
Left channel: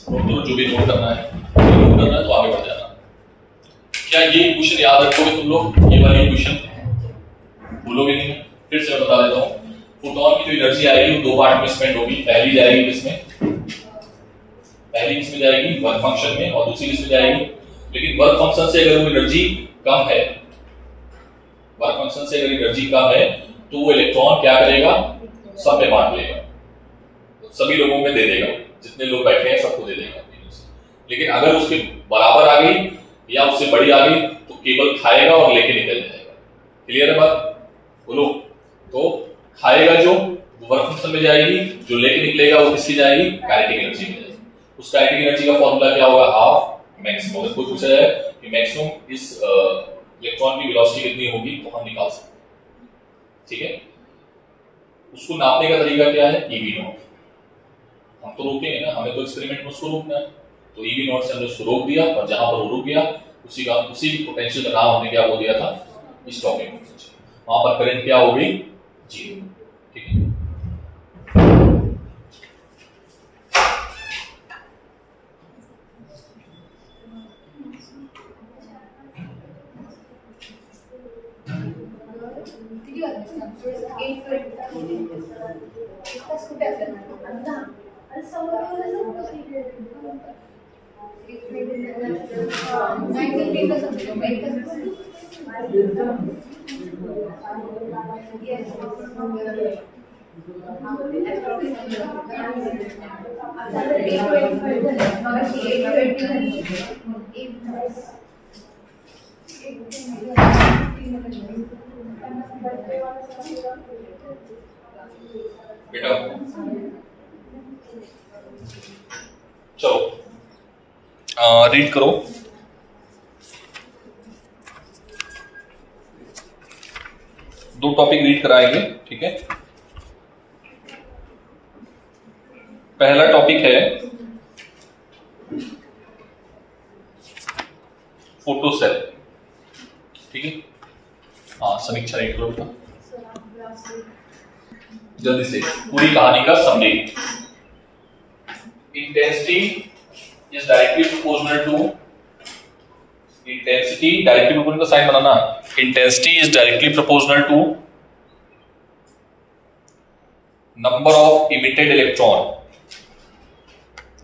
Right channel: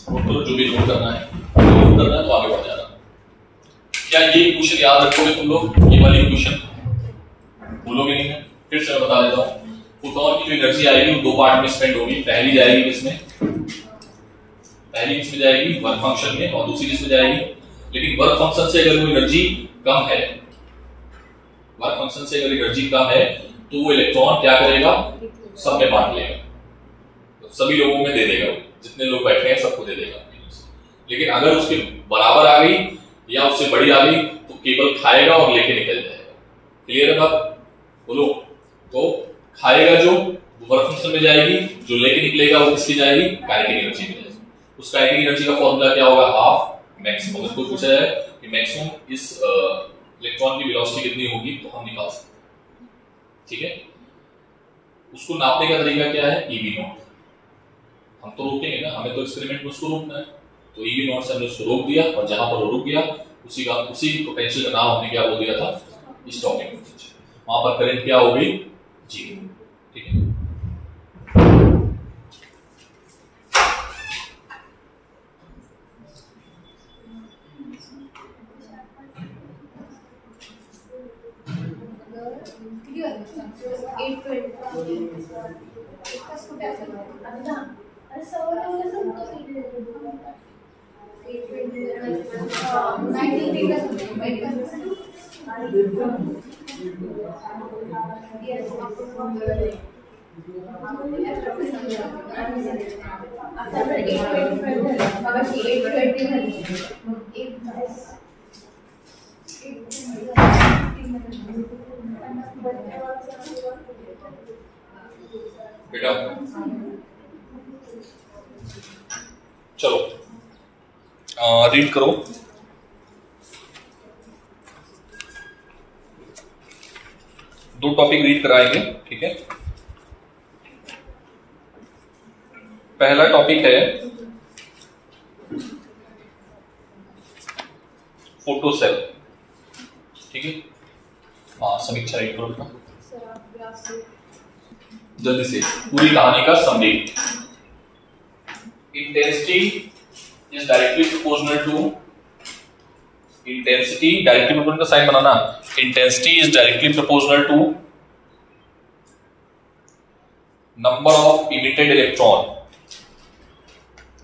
नोट करो जो भी नोट करना है, तो आगे बढ़ जाना। क्या ये क्वेश्चन याद रखोगे तुम लोग, ये वाली क्वेश्चन भूलोगे नहीं है, फिर से मैं बता देता हूं। फोटोन की जो एनर्जी आएगी वो 2 पार्ट में स्पेंड होगी, पहली जाएगी किसमें, पहली किसमें जाएगी वर्क फंक्शन में, और दूसरी किसमें जाएगी, लेकिन वर्क फंक्शन से अगर वो एनर्जी कम है, वर्क फंक्शन से अगर एनर्जी कम है तो वो इलेक्ट्रॉन क्या करेगा, सब में बांट लेगा, तो सभी लोगों में दे देगा, जितने लोग बैठे हैं सबको दे देगा। लेकिन अगर उसके बराबर आ गई या उससे बड़ी आ गई तो केवल खाएगा और लेके निकल जाएगा। क्लियर है बात, बोलो, तो खाएगा जो वर्क फंक्शन में जाएगी, जो लेके निकलेगा वो किसकी जाएगी, काइनेटिक एनर्जी में जाएगी। उस काइनेटिक एनर्जी का फॉर्मूला क्या होगा, हाफ मैक्सिमम। अगर कोई पूछा जाए कि मैक्सिमम इस इलेक्ट्रॉन की वेलोसिटी कितनी होगी तो हम निकाल सकते हैं। ठीक है, उसको नापने का तरीका क्या है, ईवी नॉट। हम तो रोकेंगे ना, हमें तो एक्सपेरिमेंट में उसको रोकना है, तो ईवी नॉट से हमने उसको रोक दिया, और जहां पर वो रुक गया उसी पोटेंशियल का नाम हमने क्या वो दिया था, स्टॉपिंग पोटेंशियल। वहां पर करंट क्या हो गई, 0। ठीक है, बेटा चलो रीड करो। दो टॉपिक रीड कराएंगे, ठीक है। पहला टॉपिक है फोटो सेल, ठीक है। हाँ समीक्षा रीड करो बेटा जल्दी से, पूरी कहानी का summary. Intensity is directly proportional to, intensity directly proportional का साइन बनाना। Intensity is directly proportional to number of emitted electron,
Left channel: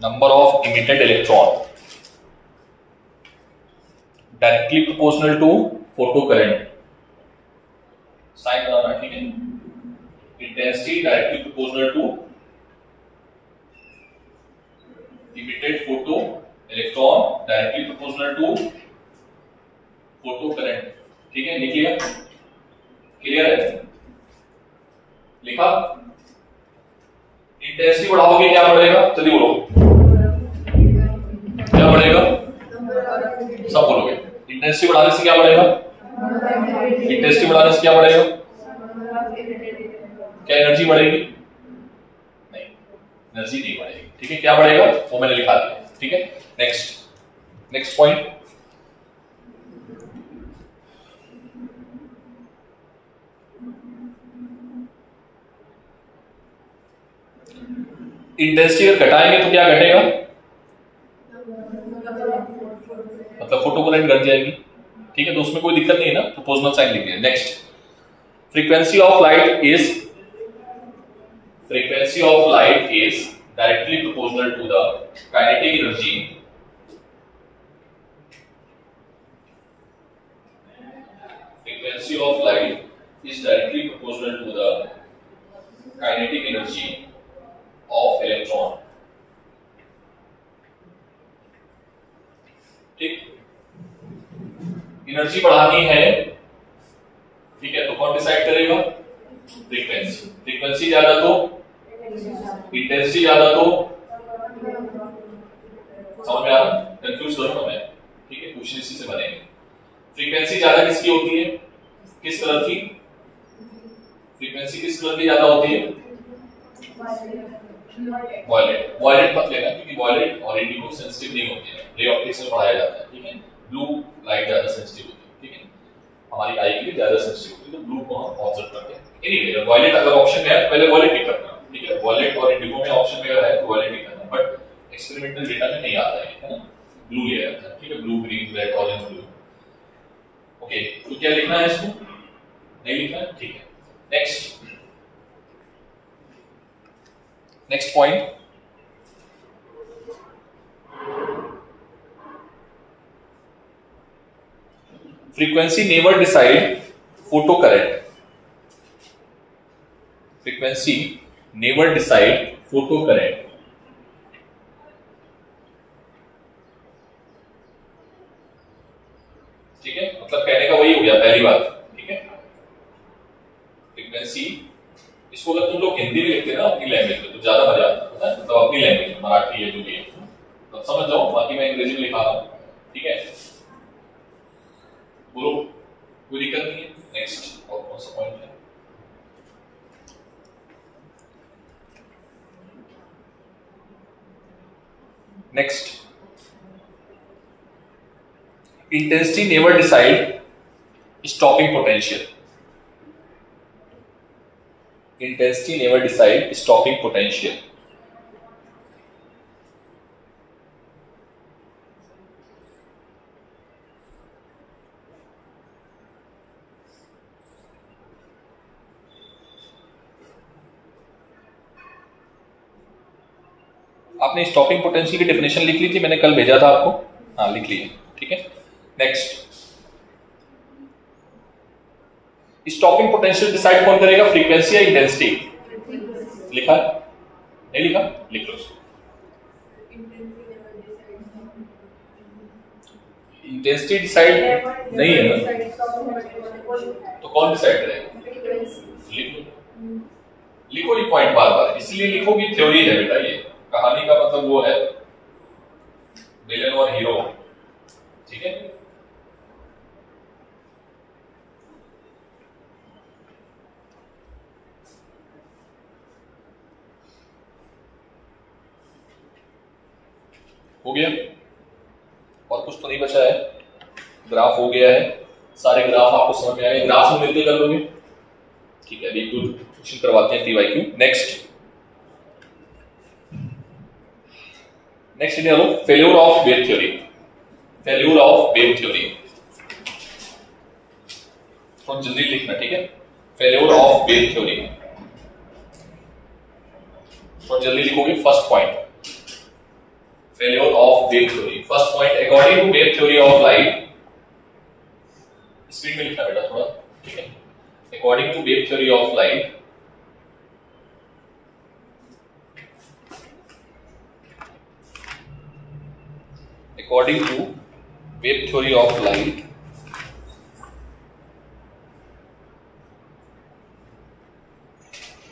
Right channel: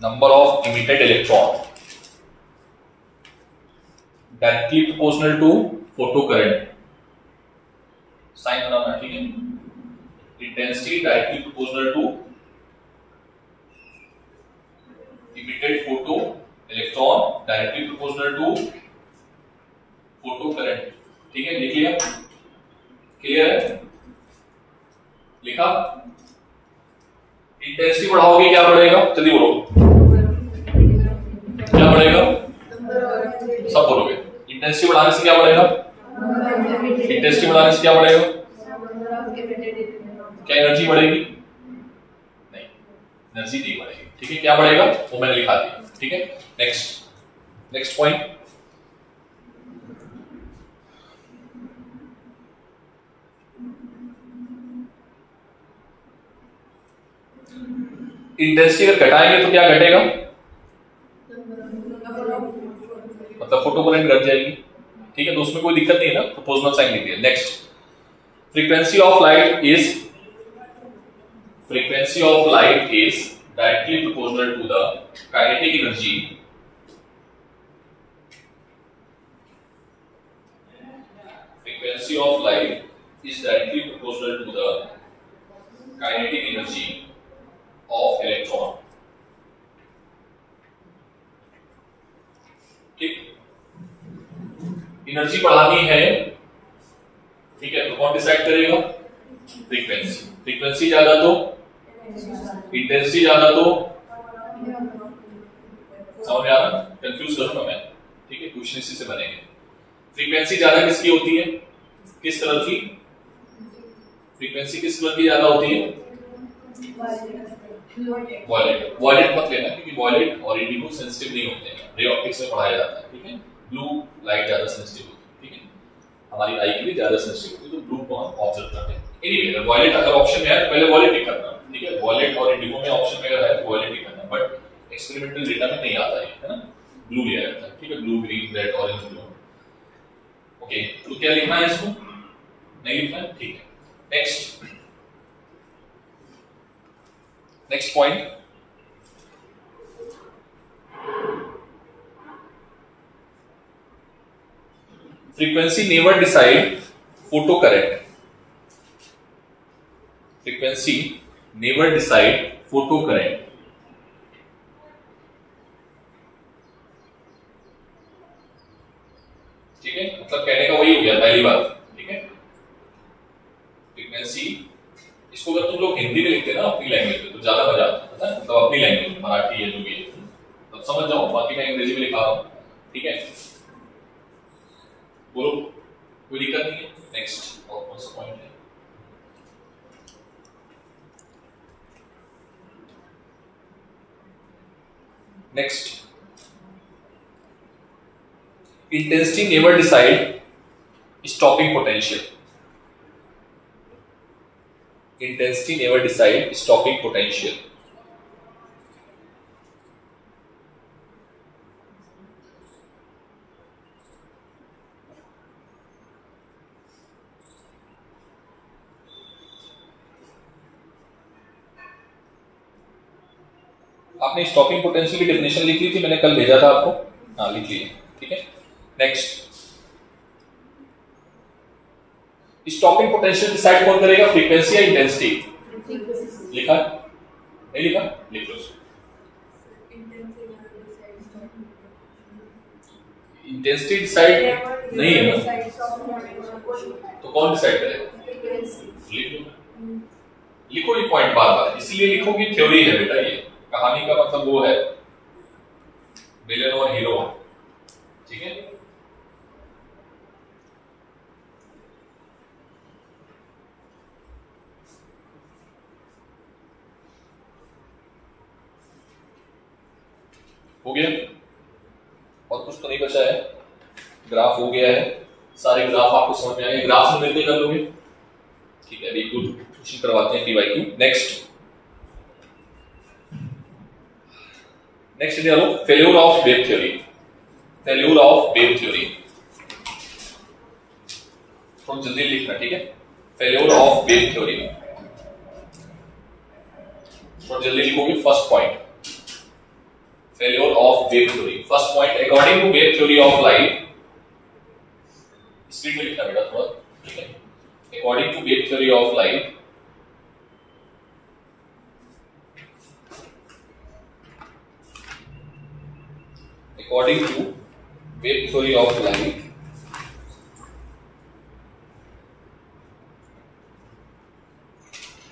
number of emitted electron, directly proportional to photo current, sign बनाना, ठीक है। Intensity directly proportional to emitted photo electron directly proportional to photo current, ठीक है। लिख लिया, clear है, लिखा। Intensity बढ़ाओगे क्या बढ़ेगा, जल्दी बोलो क्या बढ़ेगा, सब बोलोगे। इंटेंसिटी बढ़ाने से क्या बढ़ेगा, इंटेंसिटी बढ़ाने से क्या बढ़ेगा, क्या एनर्जी बढ़ेगी, नहीं एनर्जी नहीं बढ़ेगी, ठीक है। क्या बढ़ेगा वो मैंने लिखा दिया, ठीक है। नेक्स्ट पॉइंट, इंटेंसिटी अगर घटाएंगे तो क्या घटेगा, मतलब फोटो करंट घट जाएगी, ठीक है। तो उसमें कोई दिक्कत नहीं है ना, प्रोपोर्शनल साइन लिख दिया। Next, frequency of light is directly proportional to the kinetic energy frequency of light is directly proportional to the kinetic energy of electron, ठीक। एनर्जी बढ़ानी है, ठीक है, तो कौन डिसाइड करेगा, फ्रीक्वेंसी ज्यादा तो इंटेंसिटी ज्यादा तो, समझ में आ रहा, कंफ्यूज करो ना मैं, ठीक है। क्वेश्चन इसी से बनेंगे। फ्रीक्वेंसी ज्यादा किसकी होती है, किस कलर की, फ्रीक्वेंसी किस कलर की ज्यादा होती है, वॉयलेट। वॉयलेट मत लेना क्योंकि वॉयलेट और इंडिगो सेंसिटिव नहीं होते हैं, रे ऑप्टिक्स में पढ़ाया जाता है, ठीक है। ब्लू लाइट ज्यादा सेंसिटिव होती है, ठीक है, हमारी आई के लिए ज्यादा सेंसिटिव होती है, तो ब्लू को हम ऑब्जर्व करते हैं। एनीवे वॉयलेट अगर ऑप्शन में है पहले वॉयलेट ही करना, ठीक है। वॉयलेट और इंडिगो में ऑप्शन में अगर है तो वॉयलेट ही करना, बट एक्सपेरिमेंटल डेटा में नहीं आता है ना, ब्लू लिया जाता है, ठीक है। Blue, green, red, orange, blue, okay. तो क्या लिखना है इसको, नहीं लिखना है, ठीक है। Next point, frequency never decide photo current, frequency never decide photo current, ठीक है। मतलब कहने का वही हो गया पहली बात, ठीक है। फ्रीक्वेंसी, इसको अगर तुम लोग हिंदी में लिखते ना अपनी लैंग्वेज में तो ज्यादा मजा आता है, मतलब अपनी लैंग्वेज मराठी है जो भी है तब समझ जाओ, बाकी मैं अंग्रेजी में लिखा रहा हूं, ठीक है। बोलो, कोई दिक्कत नहीं है। नेक्स्ट, और कौन सा पॉइंट है, next, intensity never decide stopping potential, intensity never decide stopping potential, आपने स्टॉपिंग पोटेंशियल की डेफिनेशन लिख ली थी, मैंने कल भेजा था आपको, हाँ लिख ली, ठीक है। नेक्स्ट, स्टॉपिंग पोटेंशियल डिसाइड कौन करेगा, फ्रीक्वेंसी या इंटेंसिटी, लिखा नहीं लिखा, लिख लो। इंटेंसिटी डिसाइड नहीं है ना, तो कौन डिसाइड करेगा, लिख लो, लिखो ये पॉइंट बार बार, इसलिए लिखो कि थ्योरी है बेटा, ये कहानी का मतलब वो है विलेन और हीरो, ठीक है। हो गया, और कुछ तो नहीं बचा है, ग्राफ हो गया है, सारे ग्राफ आपको समझ में आए, ग्राफ में मिलते कर लोगे, ठीक है। अभी गुड क्वेश्चन करवाते हैं PYQ. Next India low, failure of wave theory, failure of wave theory, थोड़ा जल्दी लिखना, ठीक है। फेल्यूर ऑफ वेव थ्योरी, थोड़ा जल्दी लिखोगे। First point, failure of wave theory, first point, according to wave theory of light, speed में लिखना बेटा थोड़ा, ठीक है। According to wave theory of light, according to wave theory of light,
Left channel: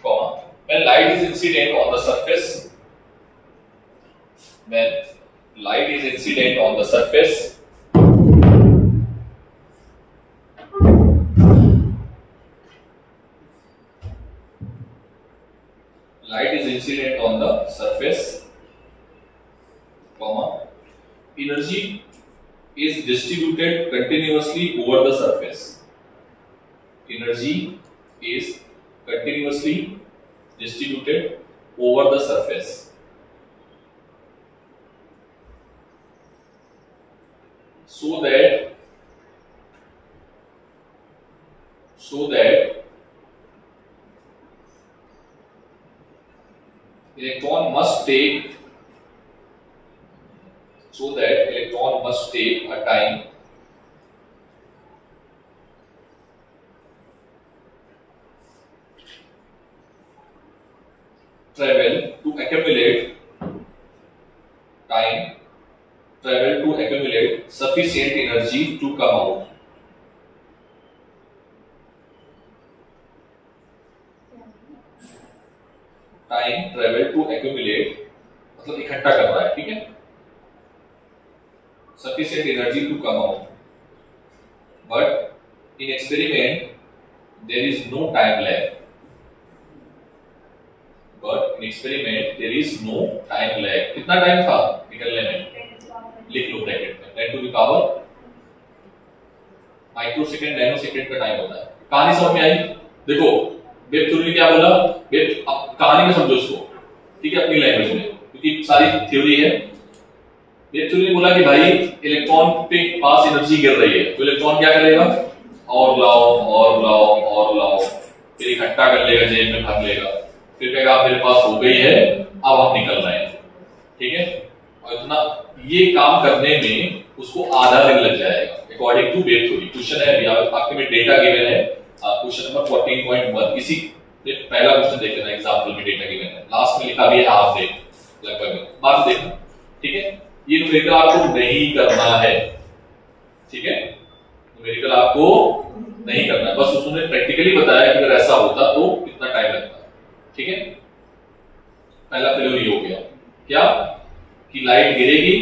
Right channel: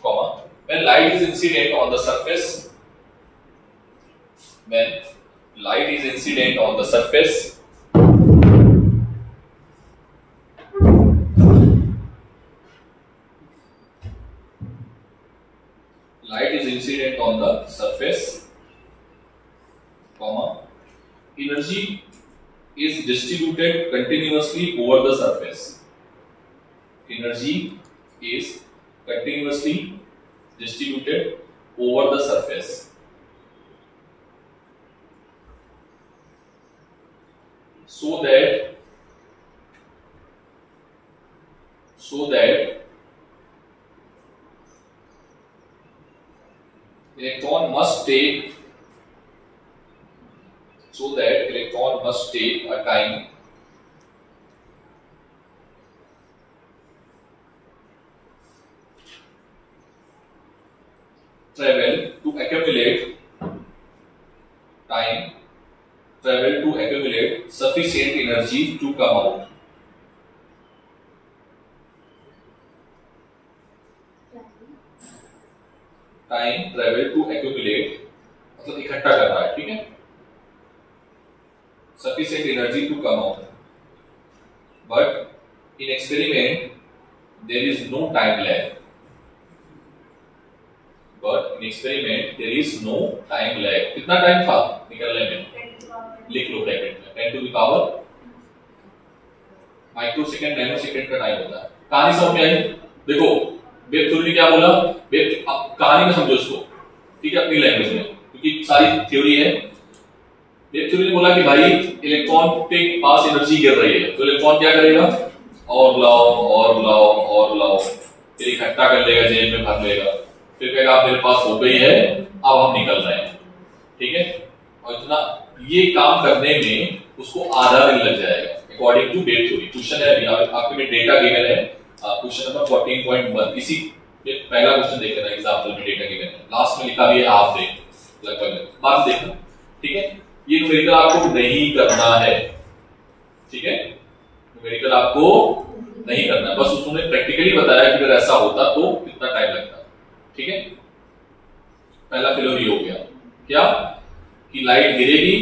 comma, when light is incident on the surface, when light is incident on the surface, light is incident on the surface, comma, energy is distributed continuously over the surface, energy is continuously distributed over the surface, so that electron must take a time travel to accumulate sufficient energy to come out. Time travel to accumulate मतलब इकट्ठा कर रहा है, ठीक है। Sufficient energy to come out, but in experiment there is no time lag. कितना time था निकलने में, लिख लो ब्रैकेट में 10 to the power micro second, nano second का टाइम होता है। कहानी समझ में आई? देखो वेव थ्योरी ने क्या बोला, वेव कहानी में समझो इसको, ठीक है, अपनी लैंग्वेज में, क्योंकि सारी थ्योरी है। वेव थ्योरी ने बोला कि भाई इलेक्ट्रॉन के पास एनर्जी गिर रही है, तो इलेक्ट्रॉन क्या करेगा, और लाओ, फिर इकट्ठा कर लेगा, जेब में भर लेगा, फिर कहेगा आप मेरे पास हो गई है, अब हम निकल रहे हैं, ठीक है। और इतना ये काम करने में उसको आधा दिन लग जाएगा according to wave theory. Question है, आपके में डेटा गिवन है, क्वेश्चन नंबर 14.1, इसी पहला क्वेश्चन देख लेना, एग्जांपल में डेटा गिवन है, लास्ट में लिखा भी है हाफ डे, लगभग बाद में देखना, ठीक है। ये न्यूमेरिकल आपको नहीं करना है, ठीक है, न्यूमेरिकल आपको नहीं करना, बस उसने प्रैक्टिकली बताया कि अगर ऐसा होता तो कितना टाइम लगता, ठीक है। पहला फेल्योर हो गया क्या, कि लाइट गिरेगी,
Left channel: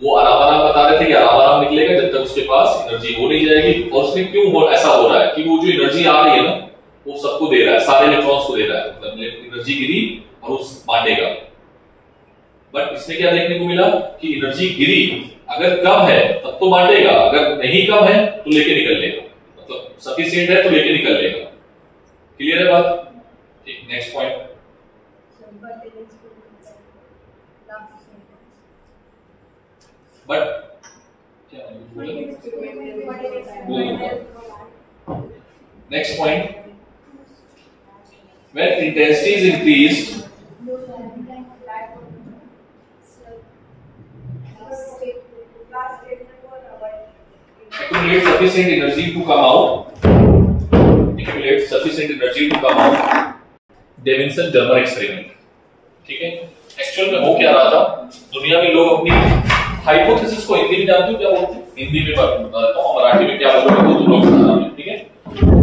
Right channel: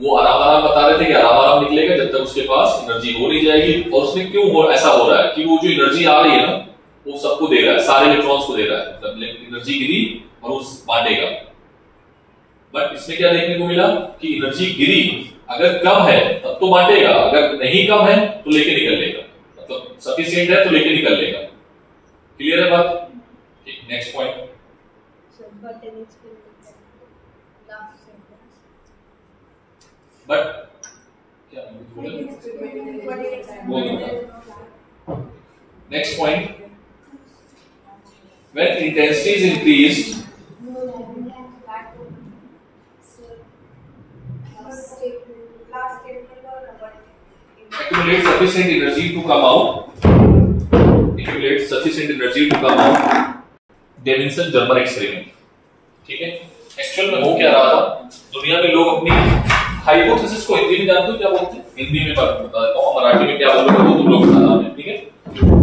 वो आराम बता रहे थे कि आराम निकलेगा जब तक उसके पास एनर्जी हो नहीं जाएगी, और उसमें क्यों ऐसा हो रहा है कि वो जो एनर्जी आ रही है ना, वो सबको दे रहा है, सारे इलेक्ट्रॉन्स को दे रहा है, मतलब एनर्जी गिरी और वो बांटेगा। बट इसमें क्या देखने को मिला कि एनर्जी गिरी अगर कम है तब तो बांटेगा, अगर नहीं कम है तो लेके निकल लेगा, मतलब सफिशिएंट है तो लेके निकल लेगा। क्लियर है बात? ठीक, नेक्स्ट पॉइंट। बट क्या next point, when intensity is increased, accumulate sufficient energy to come out, Davisson Germer experiment, ठीक है। एक्चुअल में हो क्या रहा था, दुनिया में लोग अपनी हाइपोथेसिस को हिंदी में जानते हो क्या बोलते हैं, हिंदी में बता देता हूँ, मराठी में क्या बोलोगे वो तुम लोग बताना है, ठीक है।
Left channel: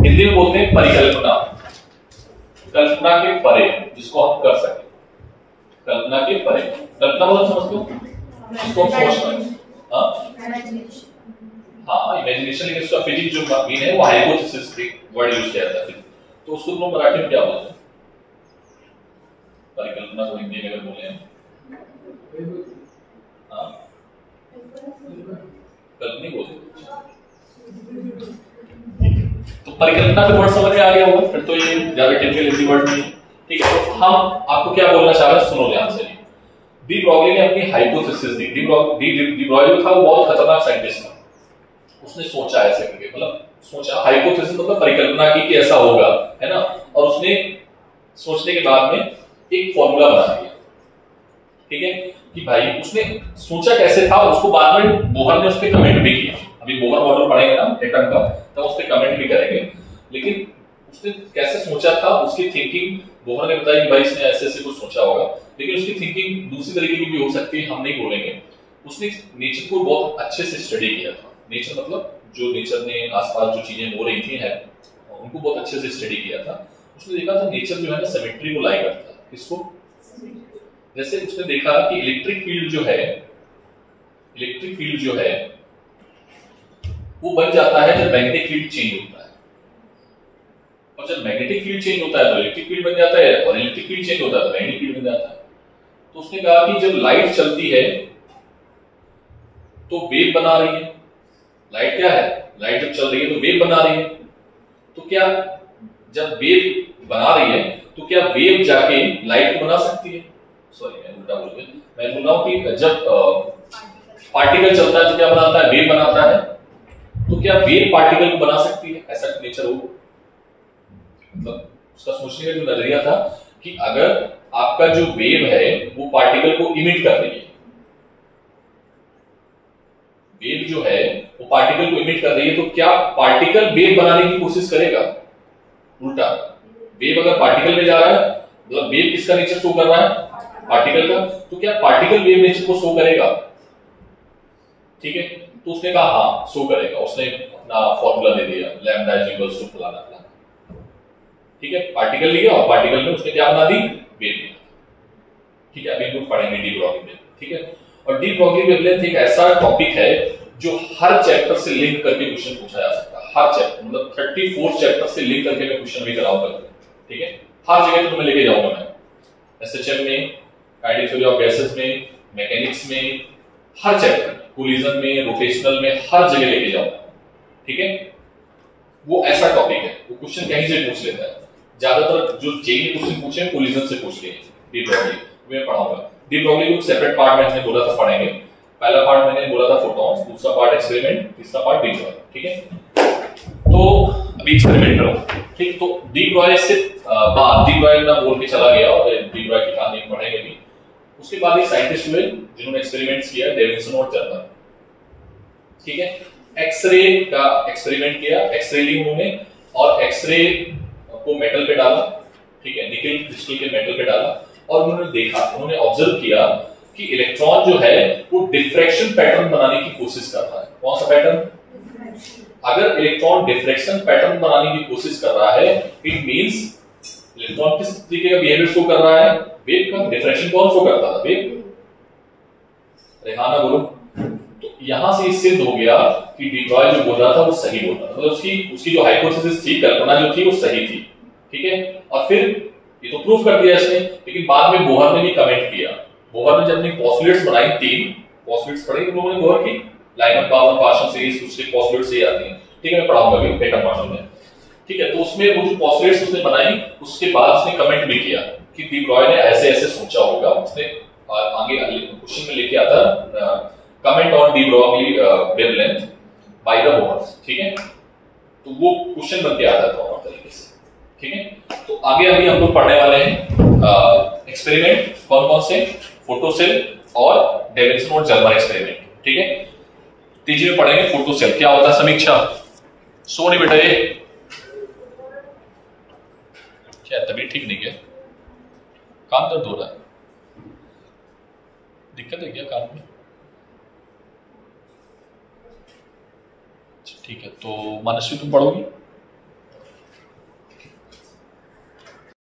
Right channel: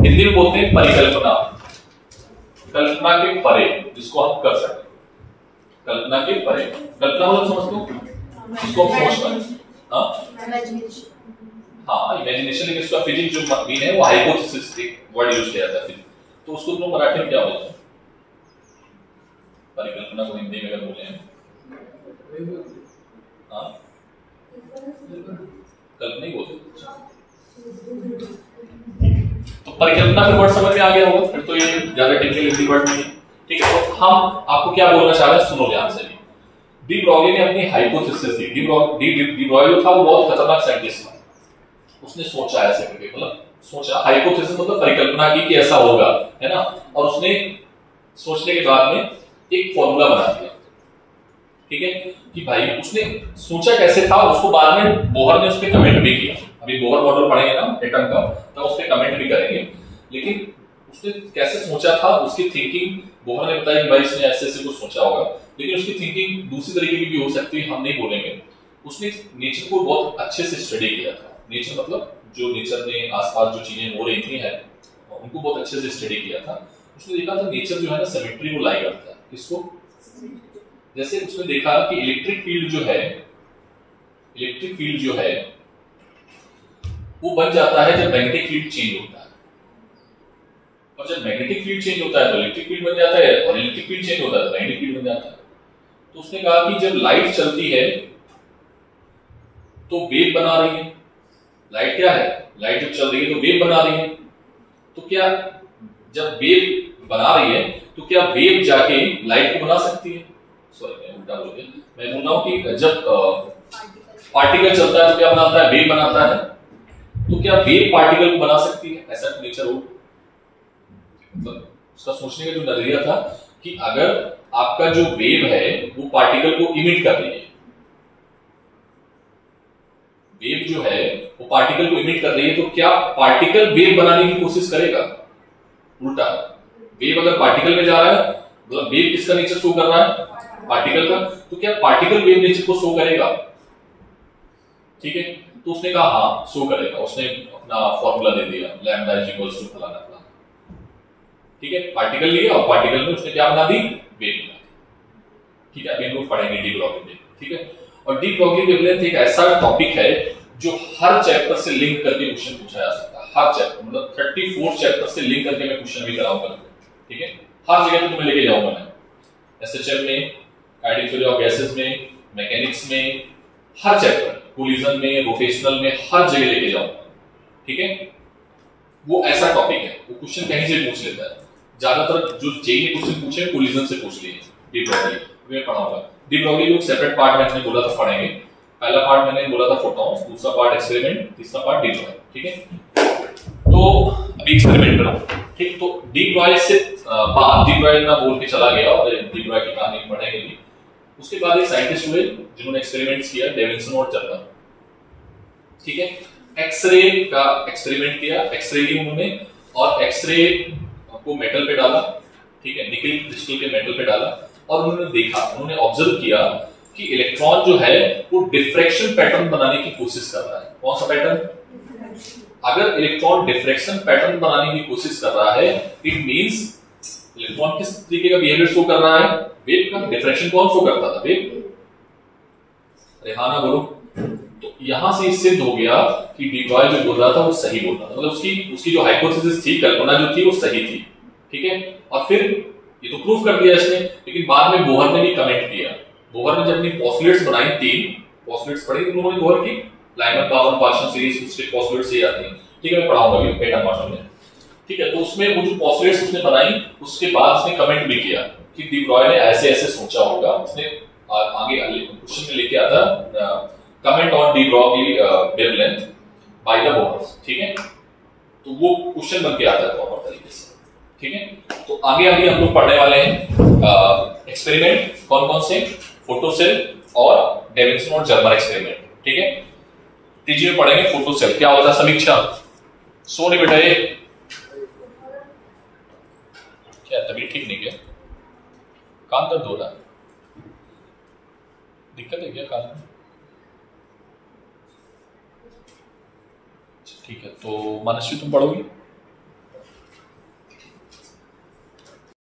हिंदी में बोलते हैं परिकल्पना, कल्पना के परे जिसको हम कर सकते, कल्पना के परे, कल्पना मतलब समझते हो जिसको हम सोच पाए, हाँ इमेजिनेशन, लेकिन उसका फिजिक्स जो मीन है वो हाइपोथेसिस एक वर्ड यूज किया जाता है, तो उसको तुम मराठी में क्या बोलते हैं? परिकल्पना को हिंदी में अगर बोले हैं, हाँ कल्पना बोलते, तो परिकल्पना फिर वर्ड समझ में आ गया होगा, फिर तो ये ज्यादा टेक्निकल हिंदी वर्ड नहीं है, ठीक है। तो हम आपको क्या बोलना चाह रहे हैं, सुनो ध्यान से। डी ब्रॉगली ने अपनी हाइपोथेसिस दी। डी ब्रॉगली था वो बहुत खतरनाक साइंटिस्ट था, उसने सोचा ऐसे करके, मतलब सोचा, हाइपोथेसिस मतलब परिकल्पना की कि ऐसा होगा, है ना, और उसने सोचने के बाद में एक फॉर्मूला बना दिया, ठीक है, कि भाई उसने सोचा कैसे था, उसको बाद में बोहर ने उस पर कमेंट भी किया। अभी बोहर मॉडल पढ़ेंगे ना एटम का, तो उस पर कमेंट भी करेंगे, लेकिन उसने कैसे सोचा था, उसकी थिंकिंग बोहर ने बताया कि भाई इसने ऐसे ऐसे कुछ सोचा होगा, लेकिन उसकी थिंकिंग दूसरी तरीके की भी हो सकती है, हम नहीं बोलेंगे। उसने नेचर को बहुत अच्छे से स्टडी किया था, नेचर मतलब जो नेचर में आसपास जो चीजें हो रही थी है उनको बहुत अच्छे से स्टडी किया था। उसने देखा था नेचर जो है ना सिमेट्री को लाई करता है, किसको, जैसे उसने देखा कि इलेक्ट्रिक फील्ड जो है वो बन जाता है जब मैग्नेटिक फील्ड चेंज होता है, और जब मैग्नेटिक फील्ड चेंज होता है तो इलेक्ट्रिक फील्ड बन जाता है, और इलेक्ट्रिक फील्ड चेंज होता है तो मैग्नेटिक फील्ड बन जाता है। तो उसने कहा कि जब लाइट चलती है तो वेव बना रही है, लाइट क्या है, लाइट जब चल रही है तो वेव बना रही है, तो क्या जब वेव बना रही है तो क्या वेव जाके लाइट को बना सकती है, सॉरी मैं उल्टा बोल गया, मैं बोल रहा हूं कि जब पार्टिकल चलता है तो क्या बनाता है, वेव बनाता है, तो क्या वेव पार्टिकल को बना सकती है, ऐसा नेचर हो। मतलब उसका सोचने का जो नजरिया था कि अगर आपका जो वेव है वो पार्टिकल को इमिट कर रही है, वेव जो है वो पार्टिकल को इमिट कर रही है, तो क्या पार्टिकल वेव बनाने की कोशिश करेगा, उल्टा वेव अगर पार्टिकल में जा रहा है, मतलब वेव किसका नेचर शो कर रहा है, पार्टिकल का, तो क्या पार्टिकल वेव नेचर को शो करेगा, ठीक है। तो उसने कहा हाँ शो करेगा, उसने अपना फॉर्मूला दे दिया, लैम्डा इज इक्वल्स टू फलाना फलाना, ठीक है, पार्टिकल लिया और पार्टिकल में उसने क्या बना दी, वेव बना, ठीक है। अभी हम लोग पढ़ेंगे डी ब्रॉगली वेवलेंथ, ठीक है। और डी ब्रॉगली वेवलेंथ एक ऐसा टॉपिक है जो हर चैप्टर से लिंक करके क्वेश्चन पूछा जा सकता है, हर चैप्टर, मतलब 34 चैप्टर से लिंक करके मैं क्वेश्चन भी कराऊंगा, ठीक है, हर जगह पे तुम्हें लेके जाऊंगा मैं, एसएचएम में, काइनेटिक थ्योरी ऑफ गैसेस में, मैकेनिक्स में, हर चैप्टर, कोलिजन में, रोटेशनल में, हर जगह लेके जाऊंगा, ठीक है। वो ऐसा टॉपिक है, वो क्वेश्चन कहीं से पूछ लेता है, ज्यादातर जो जेईई क्वेश्चन पूछे कोलिजन से पूछ लिए, डी ब्रॉगली मैं पढ़ाऊंगा। डी ब्रॉगली को सेपरेट पार्ट में मैंने बोला था पढ़ेंगे, पहला पार्ट मैंने बोला था फोटॉन्स, दूसरा पार्ट एक्सपेरिमेंट, तीसरा पार्ट डी ब्रॉगली, ठीक है। तो अभी एक्सपेरिमेंट करो, ठीक। तो डी ब्रॉगली से बाद डी ब्रॉगली ना बोल के चला गया, और डी ब्रॉगली की कहानी पढ़ेंगे भी। उसके बाद एक साइंटिस्ट हुए जिन्होंने एक्सपेरिमेंट्स किया, डेविसन और जर्मन, ठीक है। एक्सरे का एक्सपेरिमेंट किया, एक्सरे ली उन्होंने, और एक्सरे को मेटल पे डाला, ठीक है, निकल क्रिस्टल के मेटल पे डाला, और उन्होंने देखा, उन्होंने ऑब्जर्व किया कि इलेक्ट्रॉन जो है वो डिफ्रैक्शन पैटर्न बनाने की कोशिश कर रहा है। कौन सा पैटर्न, अगर इलेक्ट्रॉन डिफ्रैक्शन पैटर्न बनाने की कोशिश कर रहा है, इट मींस इलेक्ट्रॉन किस तरीके का बिहेवियर शो कर रहा है, वेव का। डिफ्रैक्शन कौन शो करता था, वेव, अरे हाँ ना बोलो। तो यहां से सिद्ध हो गया कि डी ब्रॉगली जो बोल रहा था वो सही बोल रहा था, मतलब उसकी जो हाइपोथेसिस थी, कल्पना जो थी वो सही थी, ठीक है। और फिर ये तो प्रूफ कर दिया इसने, लेकिन बाद में बोहर ने भी कमेंट किया। बोहर ने जब अपनी पोस्टुलेट्स बनाई, 3 पोस्टुलेट्स पढ़ी उन लोगों ने बोहर की, लाइमन पावर पार्शन सीरीज, उसके पोस्टुलेट्स से आती हैं, ठीक है, मैं पढ़ाऊंगा अभी पैटर्न मॉडल में, ठीक है। तो उसमें वो जो पोस्टुलेट्स उसने बनाई, उसके बाद उसने कमेंट भी किया कि डी ब्रॉगली ने ऐसे ऐसे सोचा होगा। उसने आगे क्वेश्चन में लेके आता comment on de Broglie wavelength by the Bohr, ठीक है। तो वो क्वेश्चन बन के आता है प्रॉपर तरीके से, ठीक है। तो आगे अभी हम लोग पढ़ने वाले हैं एक्सपेरिमेंट, कौन कौन से, फोटोसेल और डेविसन और जर्मन एक्सपेरिमेंट, ठीक है। तीसरे में पढ़ेंगे फोटोसेल क्या होता है, समीक्षा। सोनी बेटा ये क्या तबीयत ठीक नहीं, क्या काम दर्द हो रहा है, दिक्कत है क्या कान में, ठीक है। तो मनस्वी तुम पढ़ोगी।